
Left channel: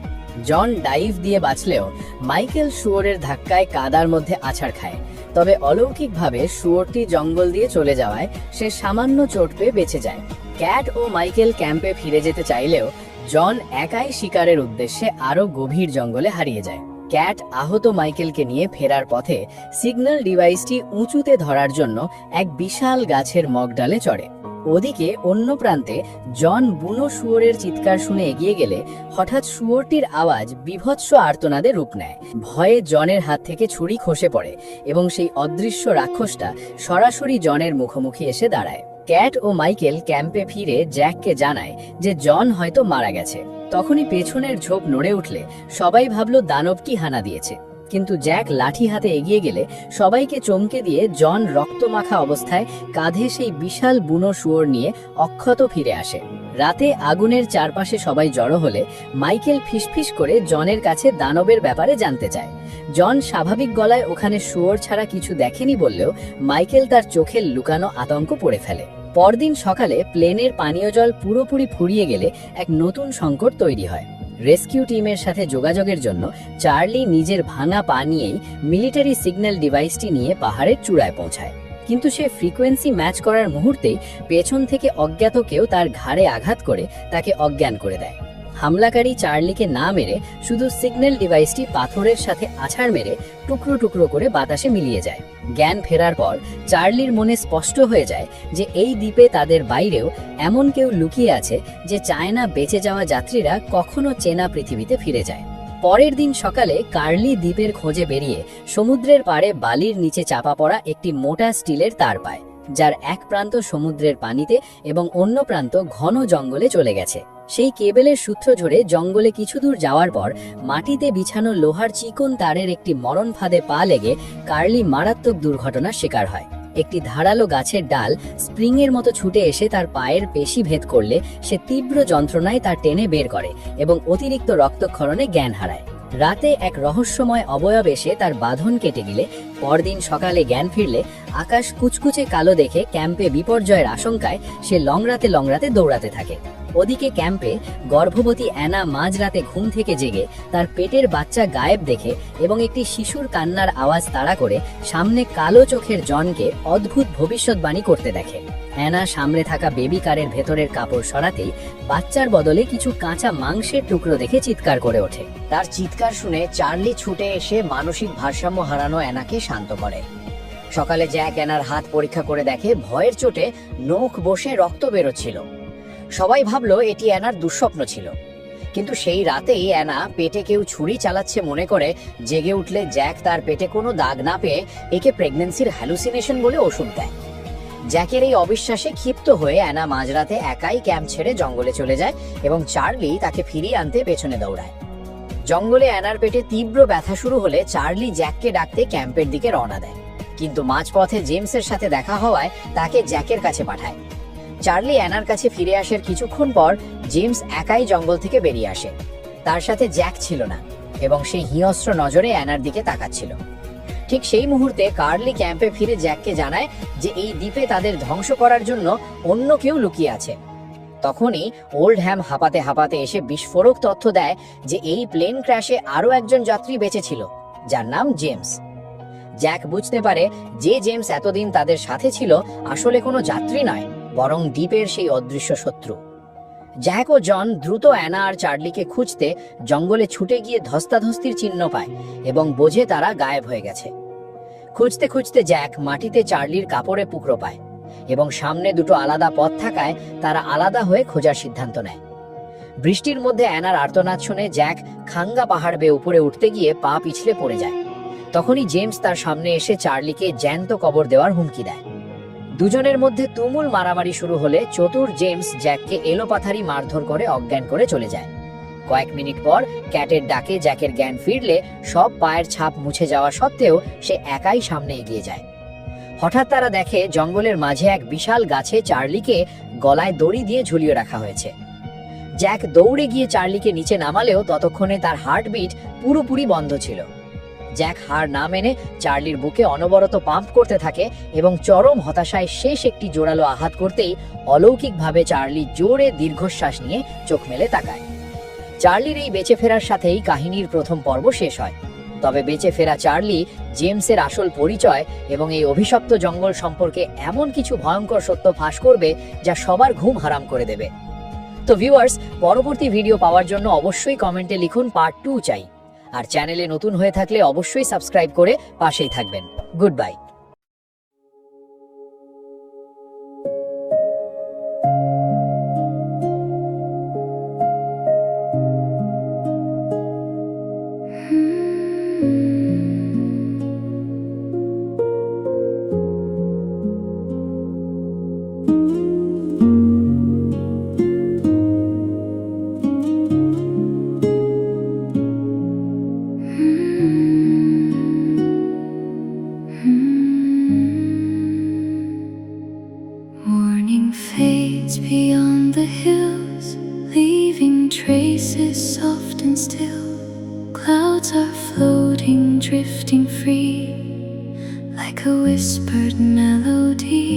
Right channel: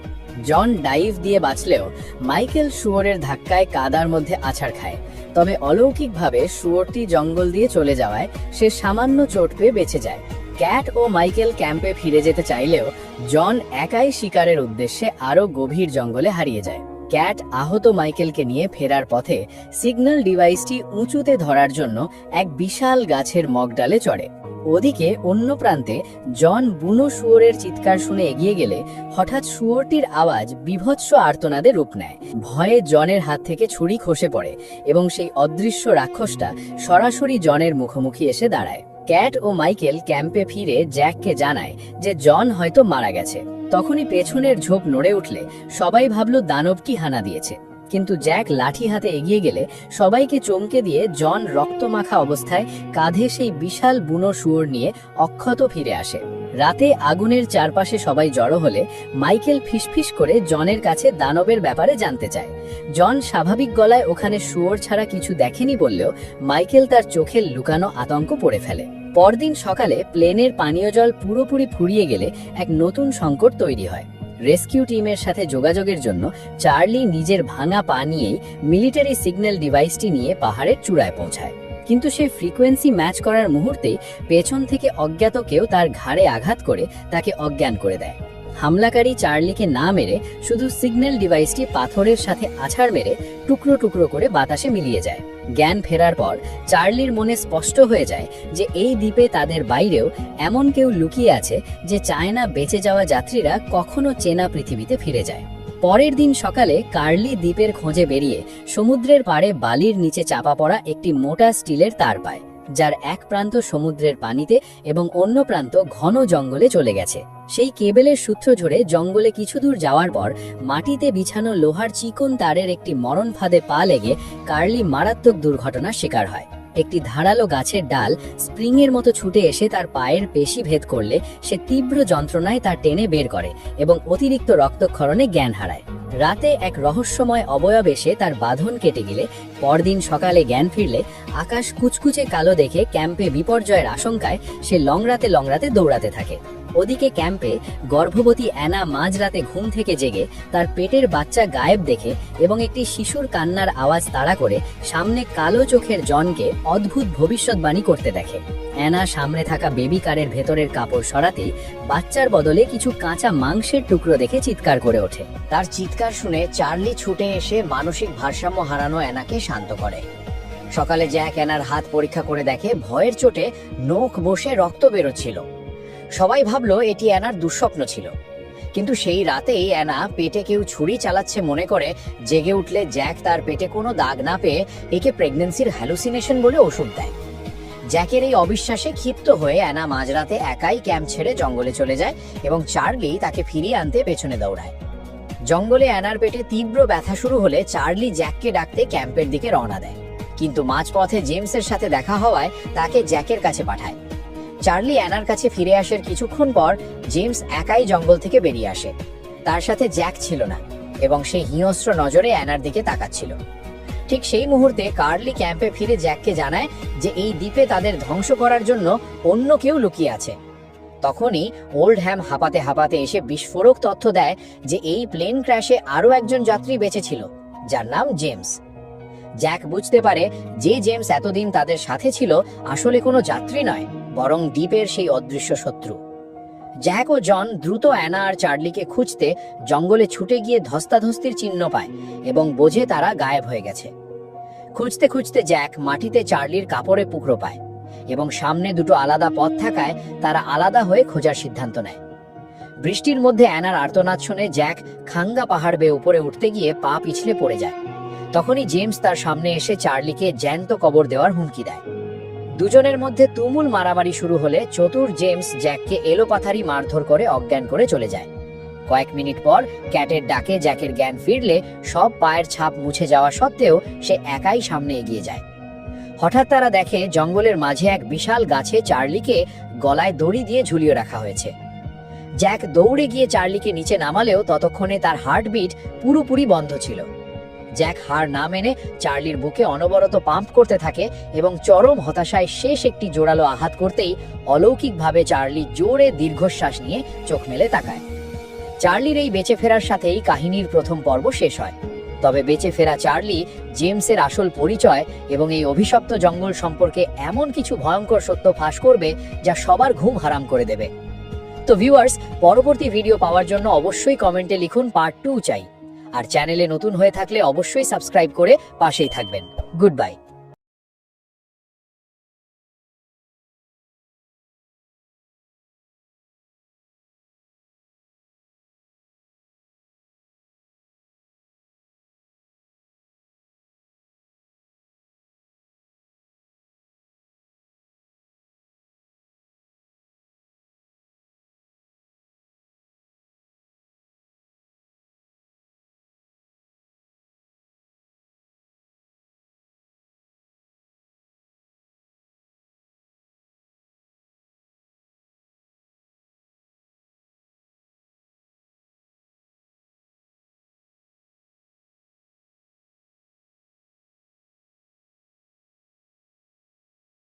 জন ডাইভ দিয়ে বাঁচলেও মাইকেল শুয়োরের ধাক্কায় কাদার মধ্যে আছাড় খায়। তবে অলৌকিকভাবে শুয়োরটি জঙ্গল দিয়ে চলে যাওয়ায় সে সামান্য চোট পেয়ে বেঁচে যায়। ক্যাট ও মাইকেল ক্যাম্পে ফিরে যেতে চাইলেও জন একাই শিকারের উদ্দেশ্যে আরো গভীর জঙ্গলে হারিয়ে যায়। ক্যাট আহত মাইকেলকে নিয়ে ফেরার পথে সিগন্যাল ডিভাইসটি উঁচুতে ধরার জন্য এক বিশাল গাছের মগডালে চড়ে। ওদিকে অন্য প্রান্তে জন বুনো শুয়োরের চিৎকার শুনে এগিয়ে গেলে হঠাৎ শুয়োরটির আওয়াজ বিভৎস আর্তনাদে রূপ নেয়। ভয়ে জনের হাত থেকে ছুরি খসে পড়ে এবং সেই অদৃশ্য রাক্ষসটা সরাসরি জনের মুখোমুখি এসে দাঁড়ায়। ক্যাট ও মাইকেল ক্যাম্পে ফিরে জ্যাককে জানায় যে জন হয়তো মারা গেছে। তখনই পেছনের ঝোপ নড়ে উঠলে সবাই ভাবল দানবটি হানা দিয়েছে, কিন্তু জ্যাক লাঠি হাতে এগিয়ে গেলে সবাইকে চমকে দিয়ে জন রক্তমাখা অবস্থায় কাঁধে সেই বিশাল বুনো শুয়োর নিয়ে অক্ষত ফিরে আসে। রাতে আগুনের চারপাশে সবাই জড়ো হলে মাইকেল ফিসফিস করে জনের কাছে দানবের ব্যাপারে জানতে চায়। জন স্বাভাবিক গলায় ওখানে শুয়োর ছাড়া কিছু দেখেনি বললেও মাইকেল তার চোখে লুকানো আতঙ্ক পড়ে ফেলে। পরদিন সকালে প্লেনের পানীয় জল পুরোপুরি ফুরিয়ে গেলে এক নতুন সংকট তৈরি হয়। রেস্কিউ টিমের সাথে যোগাযোগের জন্য চার্লি নিজের ভাঙা পা নিয়েই মিলিটারি সিগন্যাল ডিভাইসটি নিয়ে পাহাড়ের চূড়ায় পৌঁছায়। কিন্তু সে ফ্রিকোয়েন্সি ম্যাচ করার মুহূর্তেই পেছন থেকে অজ্ঞাত কেউ তার ঘাড়ে আঘাত করে তাকে অজ্ঞান করে দেয়। হামলাকারী চার্লিকে না মেরে শুধু সিগন্যাল ডিভাইসটি পাথরের সাথে আছাড় মেরে টুকরো টুকরো করে বাতাসে মিলিয়ে যায়। জ্ঞান ফেরার পর চার্লির মনে স্পষ্ট হয়ে যায় যে এই দ্বীপে তাদের বাইরেও এমন কেউ লুকিয়ে আছে যে চায় না বেঁচে যাওয়া যাত্রীরা কখনো চেনা পৃথিবীতে ফিরে যায়। পরের দিন সকালে কার্লি দ্বীপের খোঁজে বেরিয়ে সমুদ্রের পাড়ে বালির নিচে চাপা পড়া একটি মোটা স্টিলের তার পায়, যার এক প্রান্ত সমুদ্রের পানিতে এবং অন্য প্রান্ত ঘন জঙ্গলে চলে গেছে। সেই কেবেলের সূত্র ধরে জঙ্গলে কিছু দূর যাওয়ার পর মাটিতে বিছানো লোহার চিকন তারের একটি মরণ ফাঁদে পা লেগে কার্লি মারাত্মক দুর্ঘটনার শিকার হয়। একটি ধারালো গাছের ডাল স্প্রিং এর মতো ছুটে এসে তার পায়ের পেশি ভেদ করলে সে তীব্র যন্ত্রণায় তা টেনে বের করে এবং অতিরিক্ত রক্তক্ষরণে জ্ঞান হারায়। রাতে এক রহস্যময় অবয়ব এসে তার বাঁধন কেটে গেলে পরদিন সকালে জ্ঞান ফিরলে আকাশ কুচকুচে কালো দেখে ক্যাম্পে বিপর্যয়ের আশঙ্কায় সে লংড়াতে দৌড়াতে থাকে। ওদিকে ক্যাম্পে গর্ভবতী অ্যানা মাঝরাতে ঘুম থেকে জেগে তার পেটের বাচ্চা গায়েব দেখে এবং একটি শিশুর কান্নার আওয়াজ তাড়া করে সামনে কালো চোখের জনকে অদ্ভুত ভবিষ্যৎবাণী করতে দেখে। অ্যানা সামনে থাকা বেবি কারের ভেতরের কাপড় সরাতেই বাচ্চার বদলে কিছু কাঁচা মাংসের টুকরো দেখে চিৎকার করে ওঠে। তার চিৎকার শুনে চার্লি ছুটে এসে মানসিক ভারসাম্য হারানো অ্যানাকে শান্ত করে। সকালে জ্যাক অ্যানার হাত পরীক্ষা করে দেখে ভয়ের চোটে নখ বসে রক্ত বেরোচ্ছিল। সবাই ভাবলো এটি অ্যানার দুঃস্বপ্ন ছিল, কিন্তু সেই রাতেই অ্যানা পেটে কেউ ছুরি চালাচ্ছে মনে করে জেগে উঠলে জ্যাক তার পেটে কোনো দাগ না পেয়ে একে প্রেগন্যান্সির হ্যালুসিনেশন বলে ওষুধ দেয়। জ্যাকের এই অবিশ্বাসে ক্ষিপ্ত হয়ে অ্যানা মাঝরাতে একাই ক্যাম্প ছেড়ে জঙ্গলে চলে যায় এবং চার্লি তাকে ফিরিয়ে আনতে পেছনে দৌড়ায়। জঙ্গলে অ্যানার পেটে তীব্র ব্যথা শুরু হলে চার্লি জ্যাককে ডাকতে ক্যাম্পের দিকে রওনা দেয়, কিন্তু মাঝপথে জেমসের সাথে দেখা হওয়ায় তাকে জ্যাকের কাছে পাঠায়। চার্লি অ্যানার কাছে ফিরে আসার কিছুক্ষণ পর জেমস একাই জঙ্গল থেকে বেরিয়ে আসে। তার সাথে জ্যাক ছিল না এবং সে হিংস্র নজরে অ্যানার দিকে তাকাচ্ছিল। ঠিক সেই মুহূর্তে কার্লি ক্যাম্পে ফিরে জ্যাককে জানায় যে এই দ্বীপে তাদের ধ্বংস করার জন্য অন্য কেউ লুকিয়ে আছে। তখনই ওল্ড হ্যাম হাঁপাতে এসে বিস্ফোরক তথ্য দেয় যে এই প্লেন ক্র্যাশে আরো একজন যাত্রী বেঁচে ছিল, যার নাম জেমস। জ্যাক বুঝতে পারে যে জেমস এতদিন তাদের সাথে ছিল আসলে কোনো যাত্রী নয়, বরং দ্বীপের সেই অদৃশ্য শত্রু। জ্যাক ও জন দ্রুত অ্যানা আর চার্লিকে খুঁজতে জঙ্গলে ছুটে গিয়ে ধস্তাধস্তির চিহ্ন পায় এবং বোঝে তারা গায়েব হয়ে গেছে। খুঁজতে খুঁজতে জ্যাক মাটিতে চার্লির কাপড়ে টুকরো পায় এবং সামনে দুটো আলাদা পথ থাকায় তারা আলাদা হয়ে খোঁজার সিদ্ধান্ত নেয়। বৃষ্টির মধ্যে অ্যানার আর্তনাদ শুনে জ্যাক খাঙ্গা পাহাড় বেয়ে উপরে উঠতে গিয়ে পা পিছলে পড়ে যায়। তখনই জেমস তার সামনে এসে চার্লিকে জ্যান্ত কবর দেওয়ার হুমকি দেয়। দুজনের মধ্যে তুমুল মারামারি শুরু হলে চতুর জেমস জ্যাককে এলোপাথারি মারধর করে অজ্ঞান করে চলে যায়। কয়েক মিনিট পর ক্যাটের ডাকে জ্যাকের জ্ঞান ফিরলে সব পায়ের ছাপ মুছে যাওয়া সত্ত্বেও সে একাই সামনে এগিয়ে যায়। হঠাৎ তারা দেখে জঙ্গলের মাঝে এক বিশাল গাছে চার্লিকে গলায় দড়ি দিয়ে ঝুলিয়ে রাখা হয়েছে। জ্যাক দৌড়ে গিয়ে চার্লিকে নিচে নামালেও ততক্ষণে তার হার্টবিট পুরোপুরি বন্ধ ছিল। জ্যাক হার না মেনে চার্লির বুকে অনবরত পাম্প করতে থাকে এবং চরম হতাশায় শেষ একটি জোরালো আঘাত করতেই অলৌকিকভাবে চার্লি জোরে দীর্ঘশ্বাস নিয়ে চোখ মেলে তাকায়। চার্লির এই বেঁচে ফেরার সাথেই কাহিনীর প্রথম পর্ব শেষ হয়। তবে বেঁচে ফেরা চার্লি জেমসের আসল পরিচয় এবং এই অভিশপ্ত জঙ্গল সম্পর্কে এমন কিছু ভয়ঙ্কর সত্য ফাঁস করবে যা সবার ঘুম হারাম করে দেবে। তো ভিউয়ার্স, পরবর্তী ভিডিও পাওয়ার জন্য অবশ্যই কমেন্টে লিখুন পার্ট 2 চাই। আর চ্যানেলে নতুন হয়ে থাকলে অবশ্যই সাবস্ক্রাইব করে পাশেই থাকবেন। Good bye. Morning fades beyond the hills, leaving traces soft and still. Clouds are floating, drifting free, like a whispered melody.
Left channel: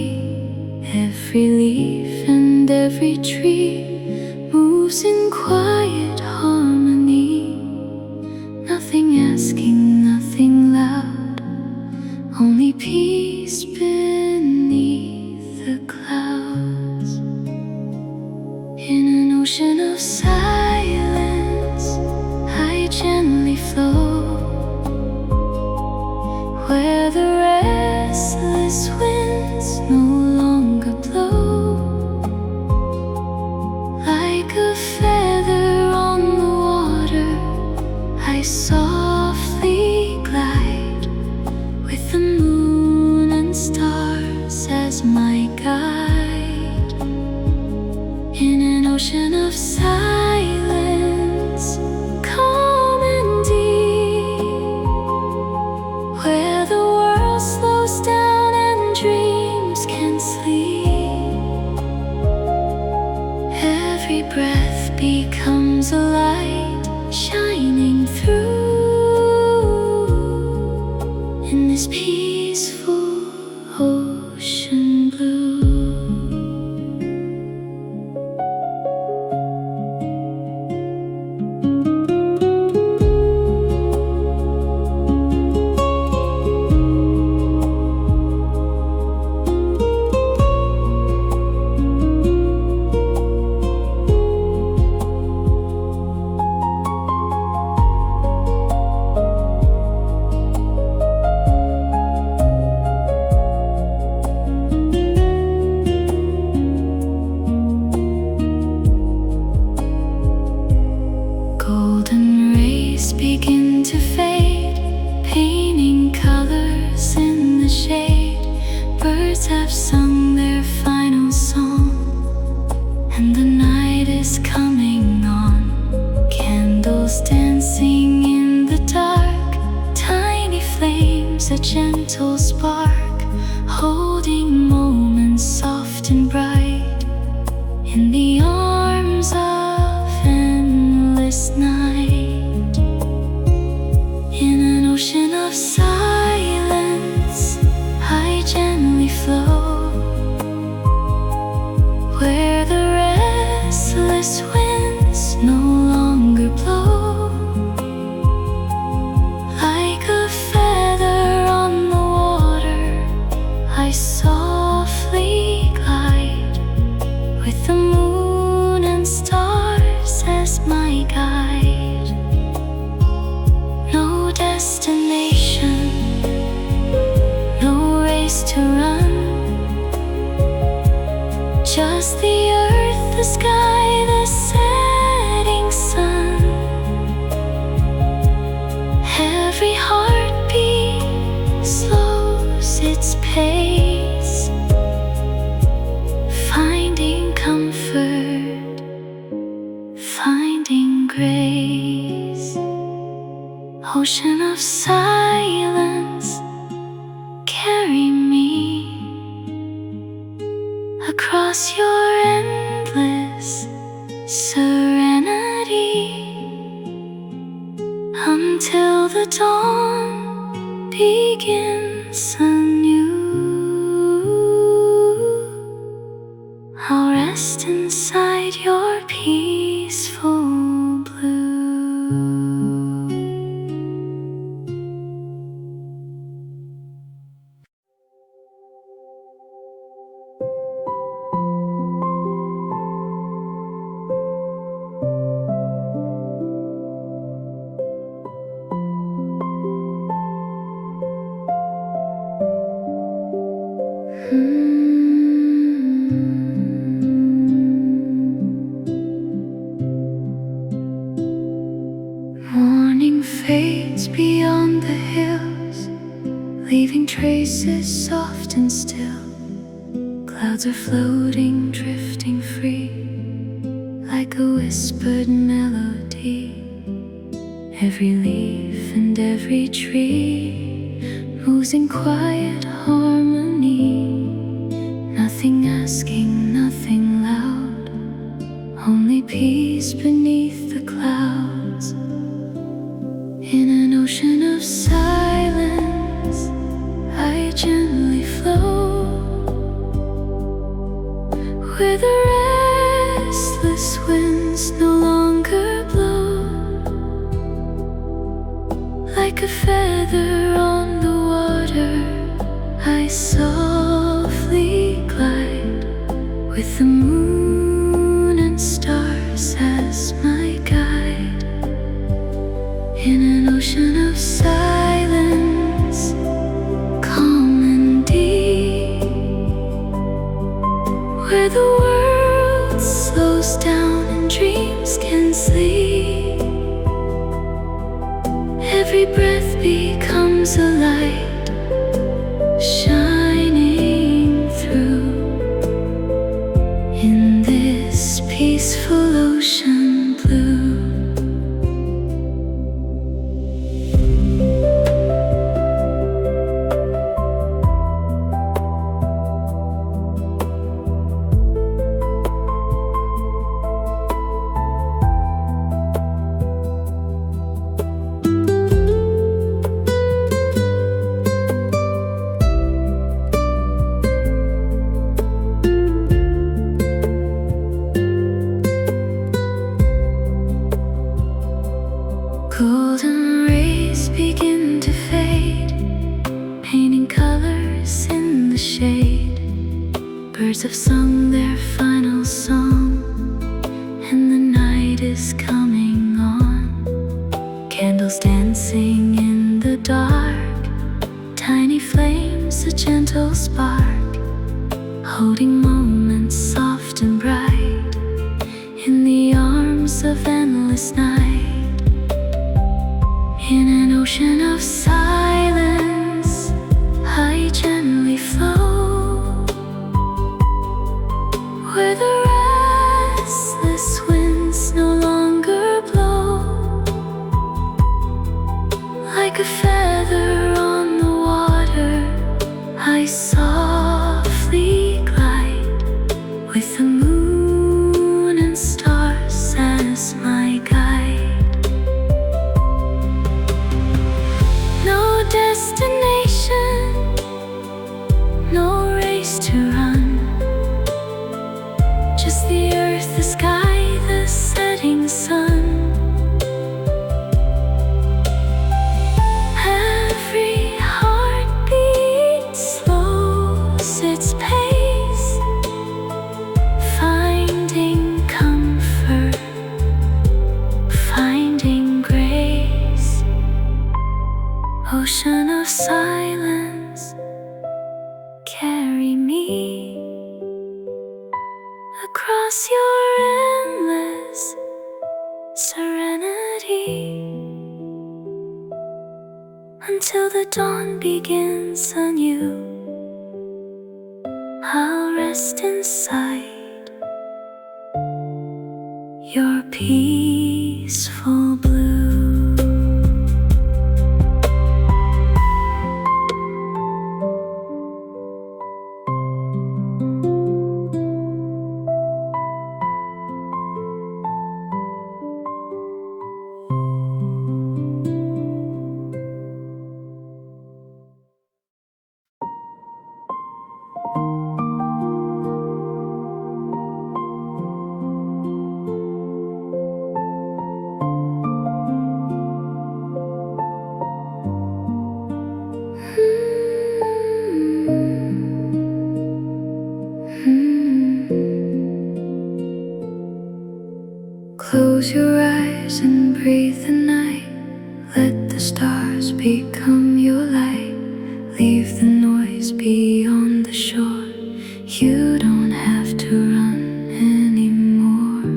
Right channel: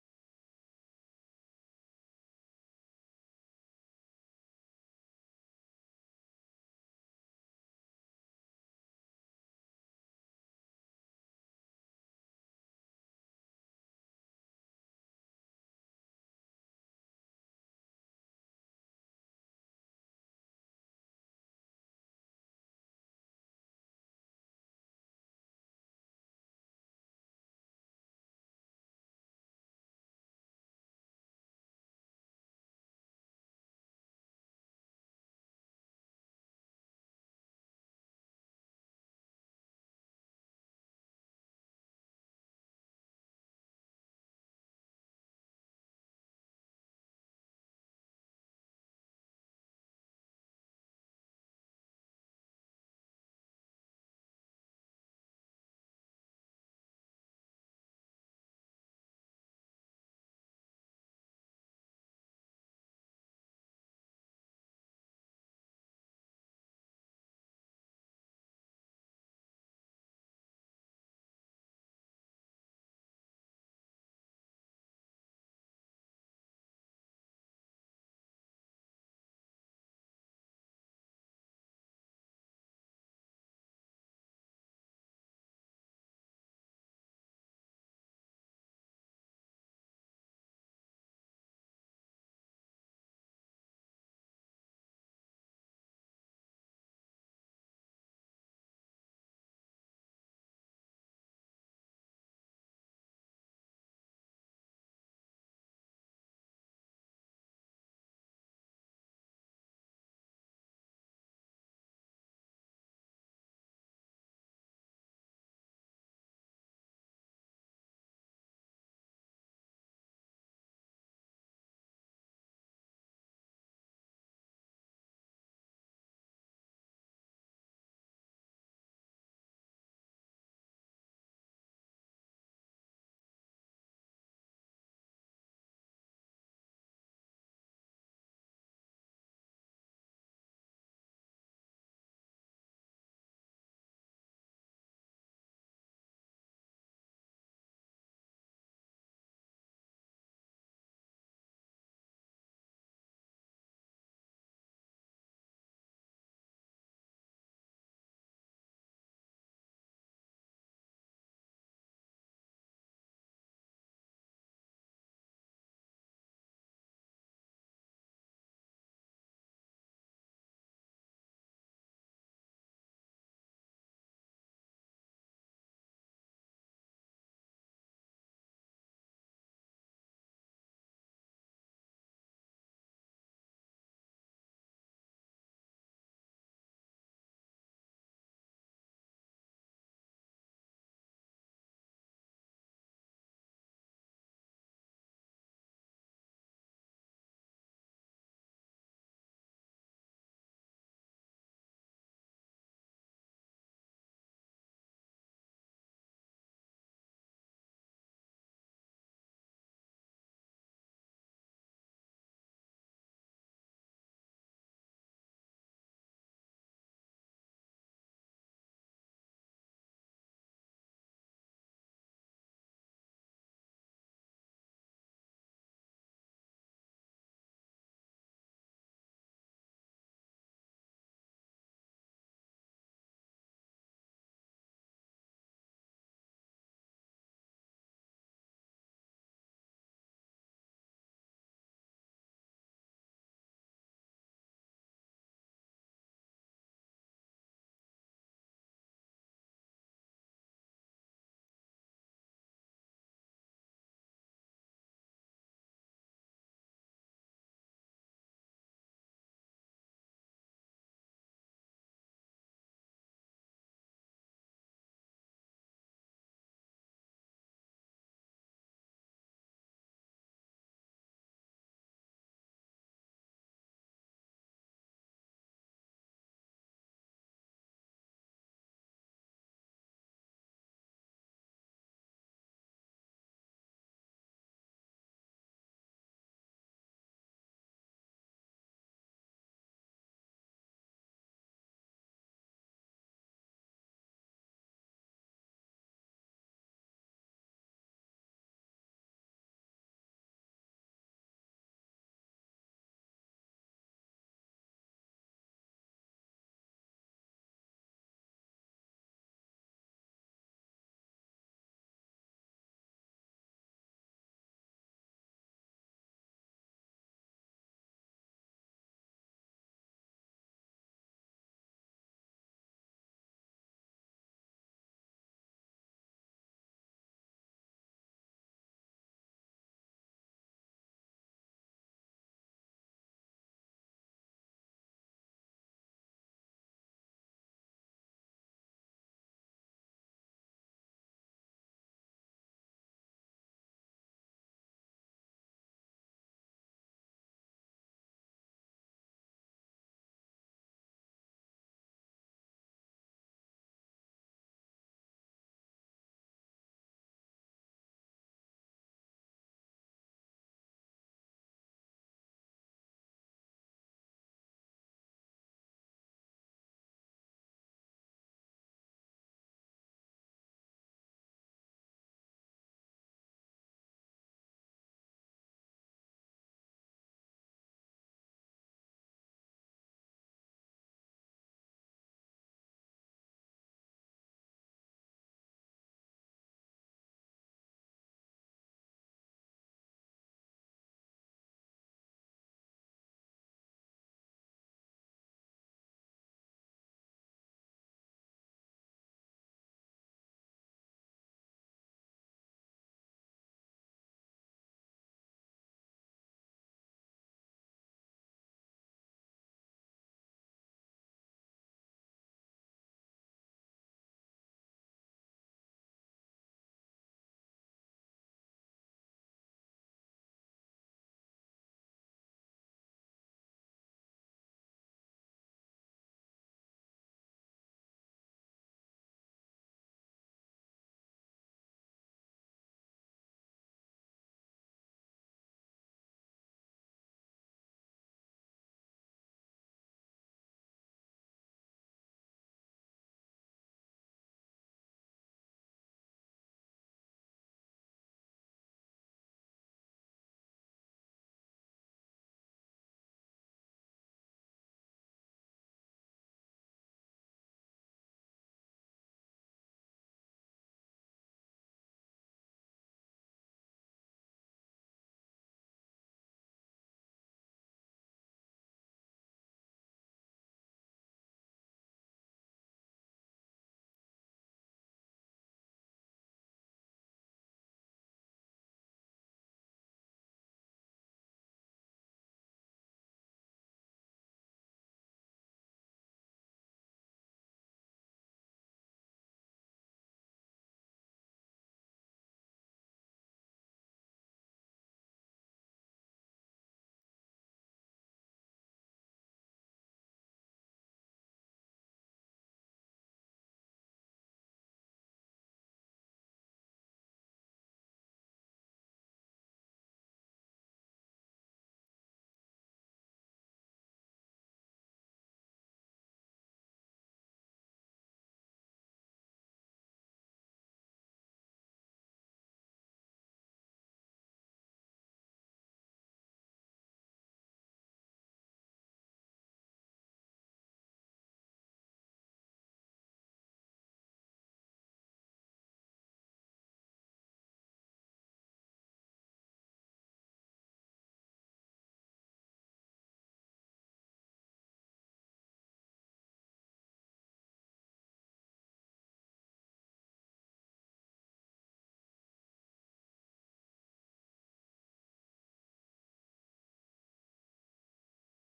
Every leaf tree moves in quiet harmony. Nothing asking, nothing loud, only peace beneath the clouds. In an ocean of silence, I gently flow, where the restless winds no longer blow. Like a feather on the water, I softly glide, with the moon and stars as my guide. In an ocean of silence, calm and deep, where the world slows down and dreams can sleep. Every breath becomes a light shining through in this peaceful ocean blue. Golden rays begin to fade, painting colors in the shade. Birds have sung their final song, and the night is coming on. Candles dancing in the dark, tiny flames, a gentle spark, holding moments soft and bright in the arms of endless night. In an ocean of silence, I gently flow, where the restless winds no longer blow. Like a feather on the water, I softly glide, with the moon and stars as my guide. No destination, no race to run, just the earth, the sky, the setting sun. Every heartbeat slows its pace, finding comfort, finding grace. Ocean of silence, carry me across your endless serenity, until the dawn begins anew. I'll rest inside your peaceful blue. Morning fades beyond the hills, leaving traces soft and still. Clouds are floating, drifting free, like a whispered melody. Every leaf and every tree moves in quiet harmony. Nothing asking, nothing loud, only peace beneath the clouds. In an ocean of silence, I gently flow, where the Like a feather on the water, I softly glide with the moon and stars as my guide. In an ocean of silence, calm and deep, where the world slows down and dreams can sleep. Every breath becomes a light shining through in this peaceful ocean blue. Golden rays begin to fade, painting colors in the shade. Birds have sung their final song, and the night is coming on. Candles dancing in the dark, tiny flames, a gentle spark, holding moments soft and bright in the arms of endless night. In an ocean of silence, I gently flow, where the restless winds no longer blow. Like a feather on the water, I softly glide with the moon and stars as my guide. Destination, no race to run, just the earth, the sky, the setting sun. Every heartbeat slows its pace, finding comfort, finding grace. Ocean of silence, carry me across your endless serenity, until the dawn begins anew. I'll rest inside your peaceful blue. Close your eyes and breathe the night. Let the stars become your light. Leave the noise beyond the shore. You don't have to run anymore.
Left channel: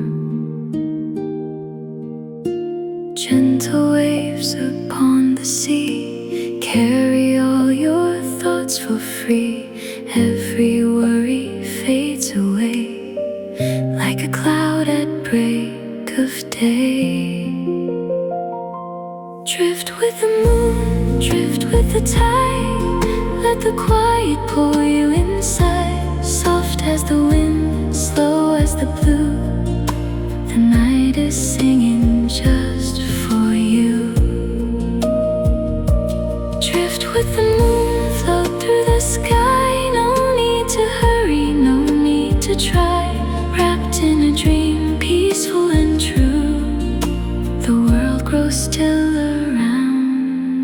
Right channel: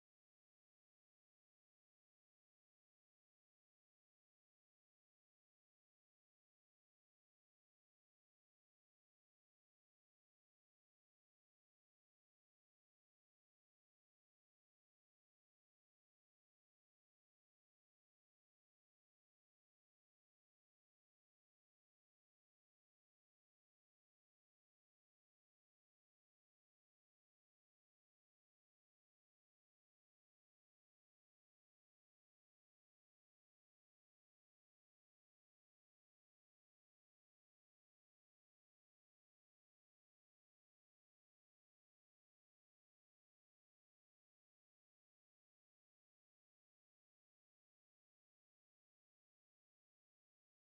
Gentle waves upon the sea, carry all your thoughts for free. Every worry fades away like a cloud at break of day. Drift with the moon, drift with the tide. Let the quiet pull you inside. Soft as the wind, slow as the blue. The night is singing just for you. Drift with the moon, float through the sky. No need to hurry, no need to try. Wrapped in a dream, peaceful and true. The world grows still around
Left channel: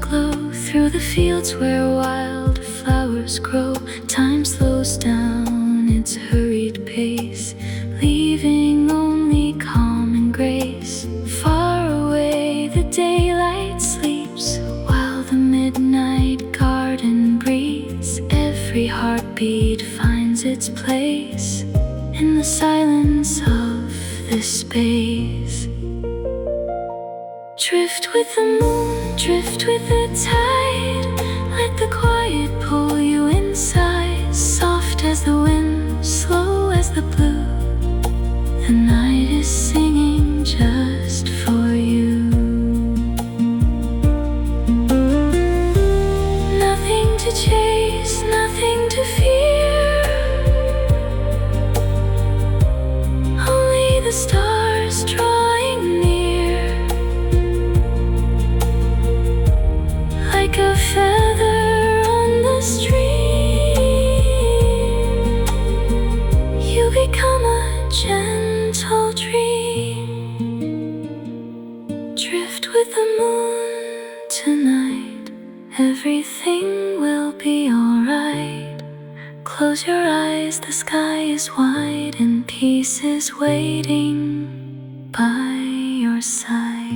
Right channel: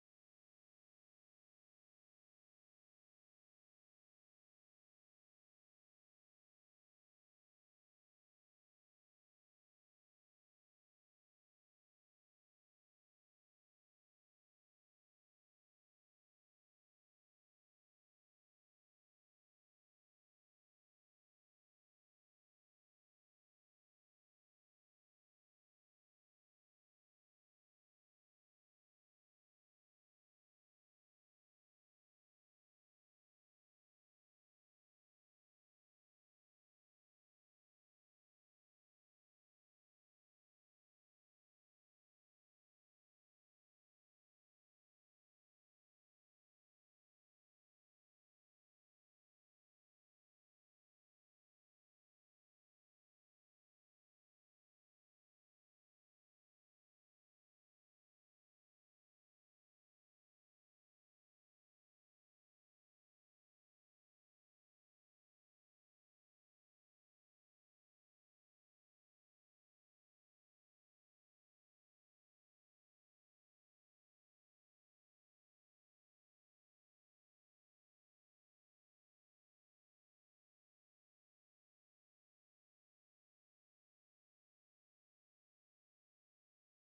glow through the fields where wildflowers grow. Time slows down its hurried pace, leaving only calm and grace. Far away the daylight sleeps, while the midnight garden breathes. Every heartbeat finds its place in the silence of this space. Drift with the moon, drift with the tide. Let the quiet pull you inside. Soft as the wind, slow as the blue. The night is singing just for you. Nothing to chase, nothing to fear. Only the stars drawing near. Like a feather on the stream, you become a gentle dream. Drift with the moon tonight. Everything will be alright. Close your eyes, the sky is wide, and peace is waiting by your side.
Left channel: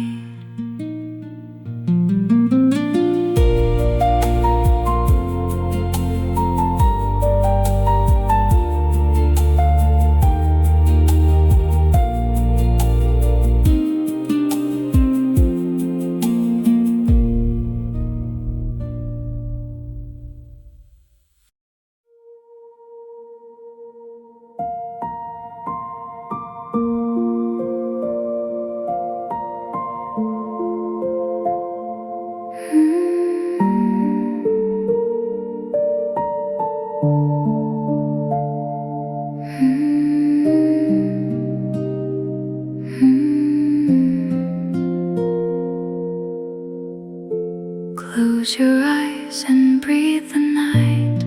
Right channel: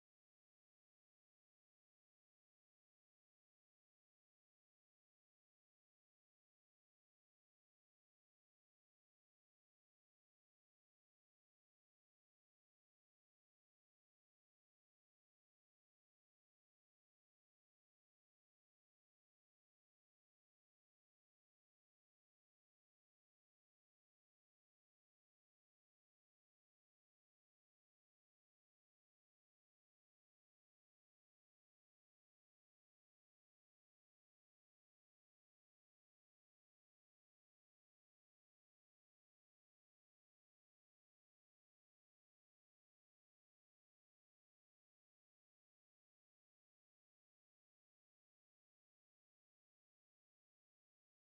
Close your eyes and breathe the night.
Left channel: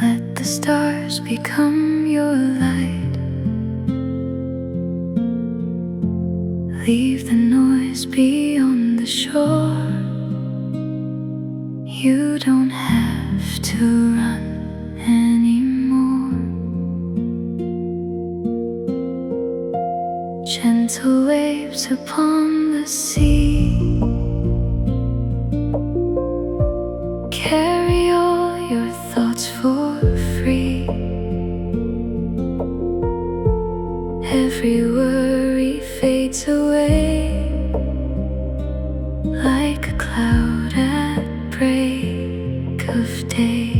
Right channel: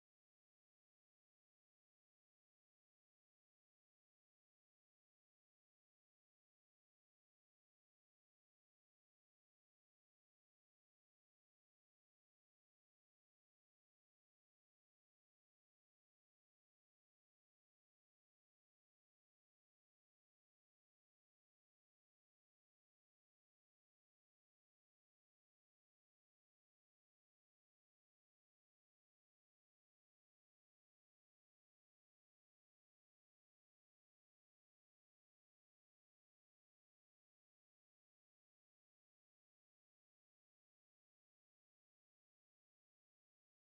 Let the stars become your light. Leave the noise beyond the shore. You don't have to run anymore. Gentle waves upon the sea carry all your thoughts for free. Every worry fades away like a cloud at break of day.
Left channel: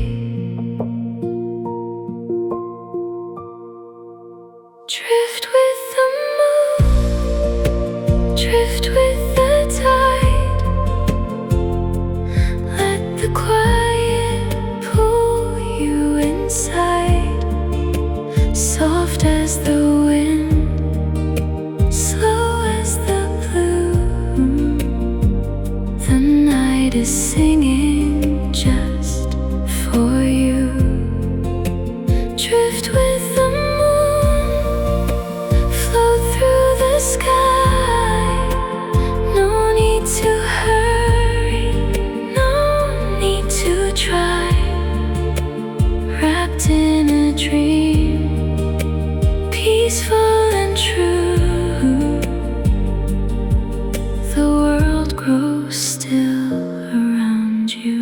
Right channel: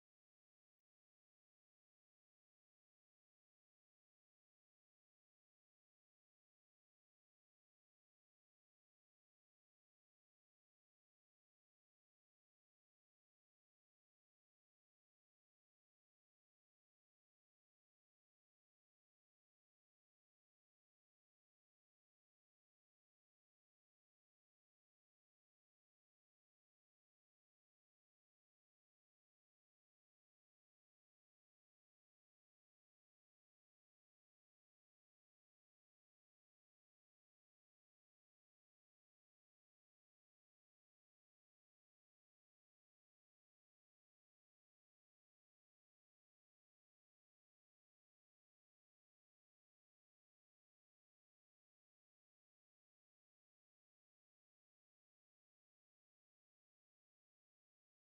Drift with the moon, drift with the tide. Let the quiet pull you inside. Soft as the wind, slow as the blue. The night is singing just for you. Drift with the moon, float through the sky. No need to hurry, no need to try. Wrapped in a dream, peaceful and true. The world grows still around you.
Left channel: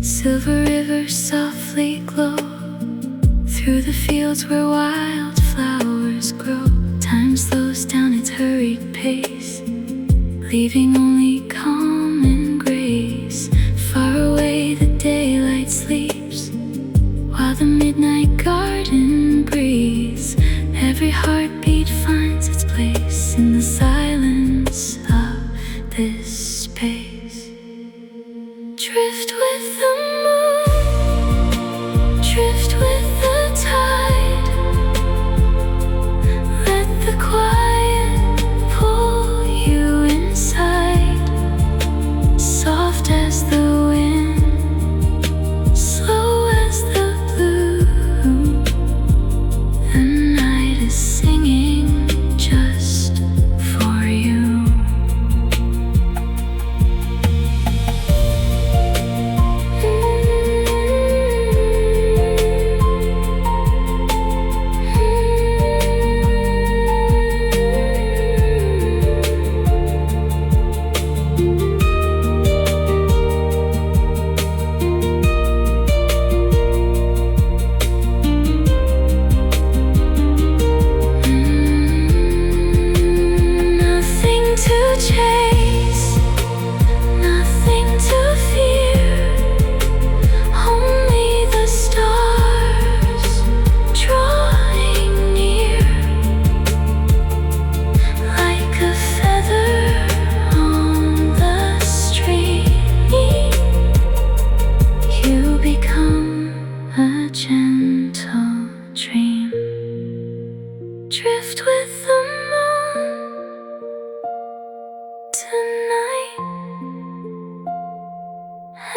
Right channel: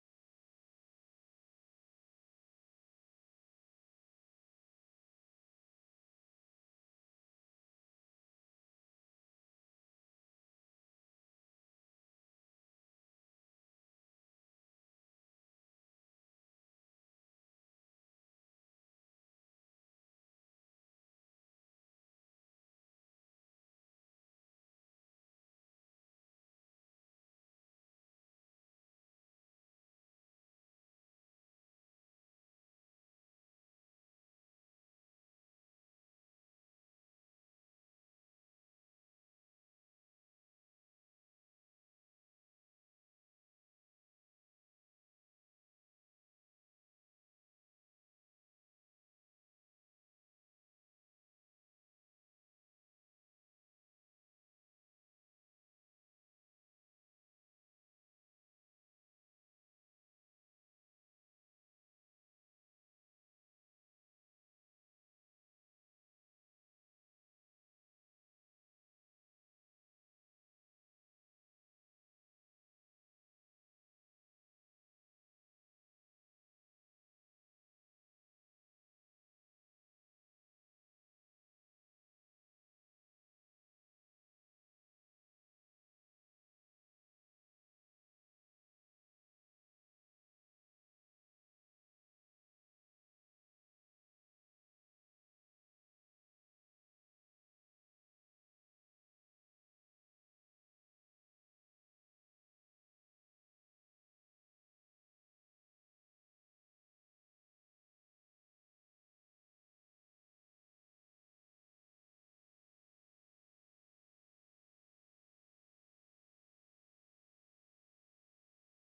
Silver rivers softly glow through the fields where wildflowers grow. Time slows down its hurried pace, leaving only calm and grace. Far away the daylight sleeps, while the midnight garden breathes. Every heartbeat finds its place in the silence of this space. Drift with the moon, drift with the tide. Let the quiet drift with the moon tonight.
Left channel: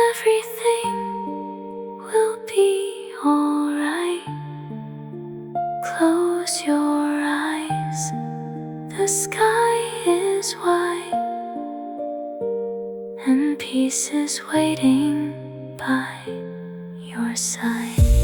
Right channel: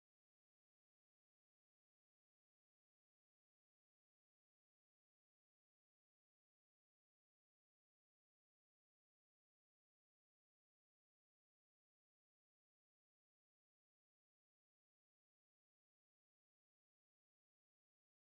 Everything will be alright. Close your eyes, the sky is white, and peace is waiting by your side.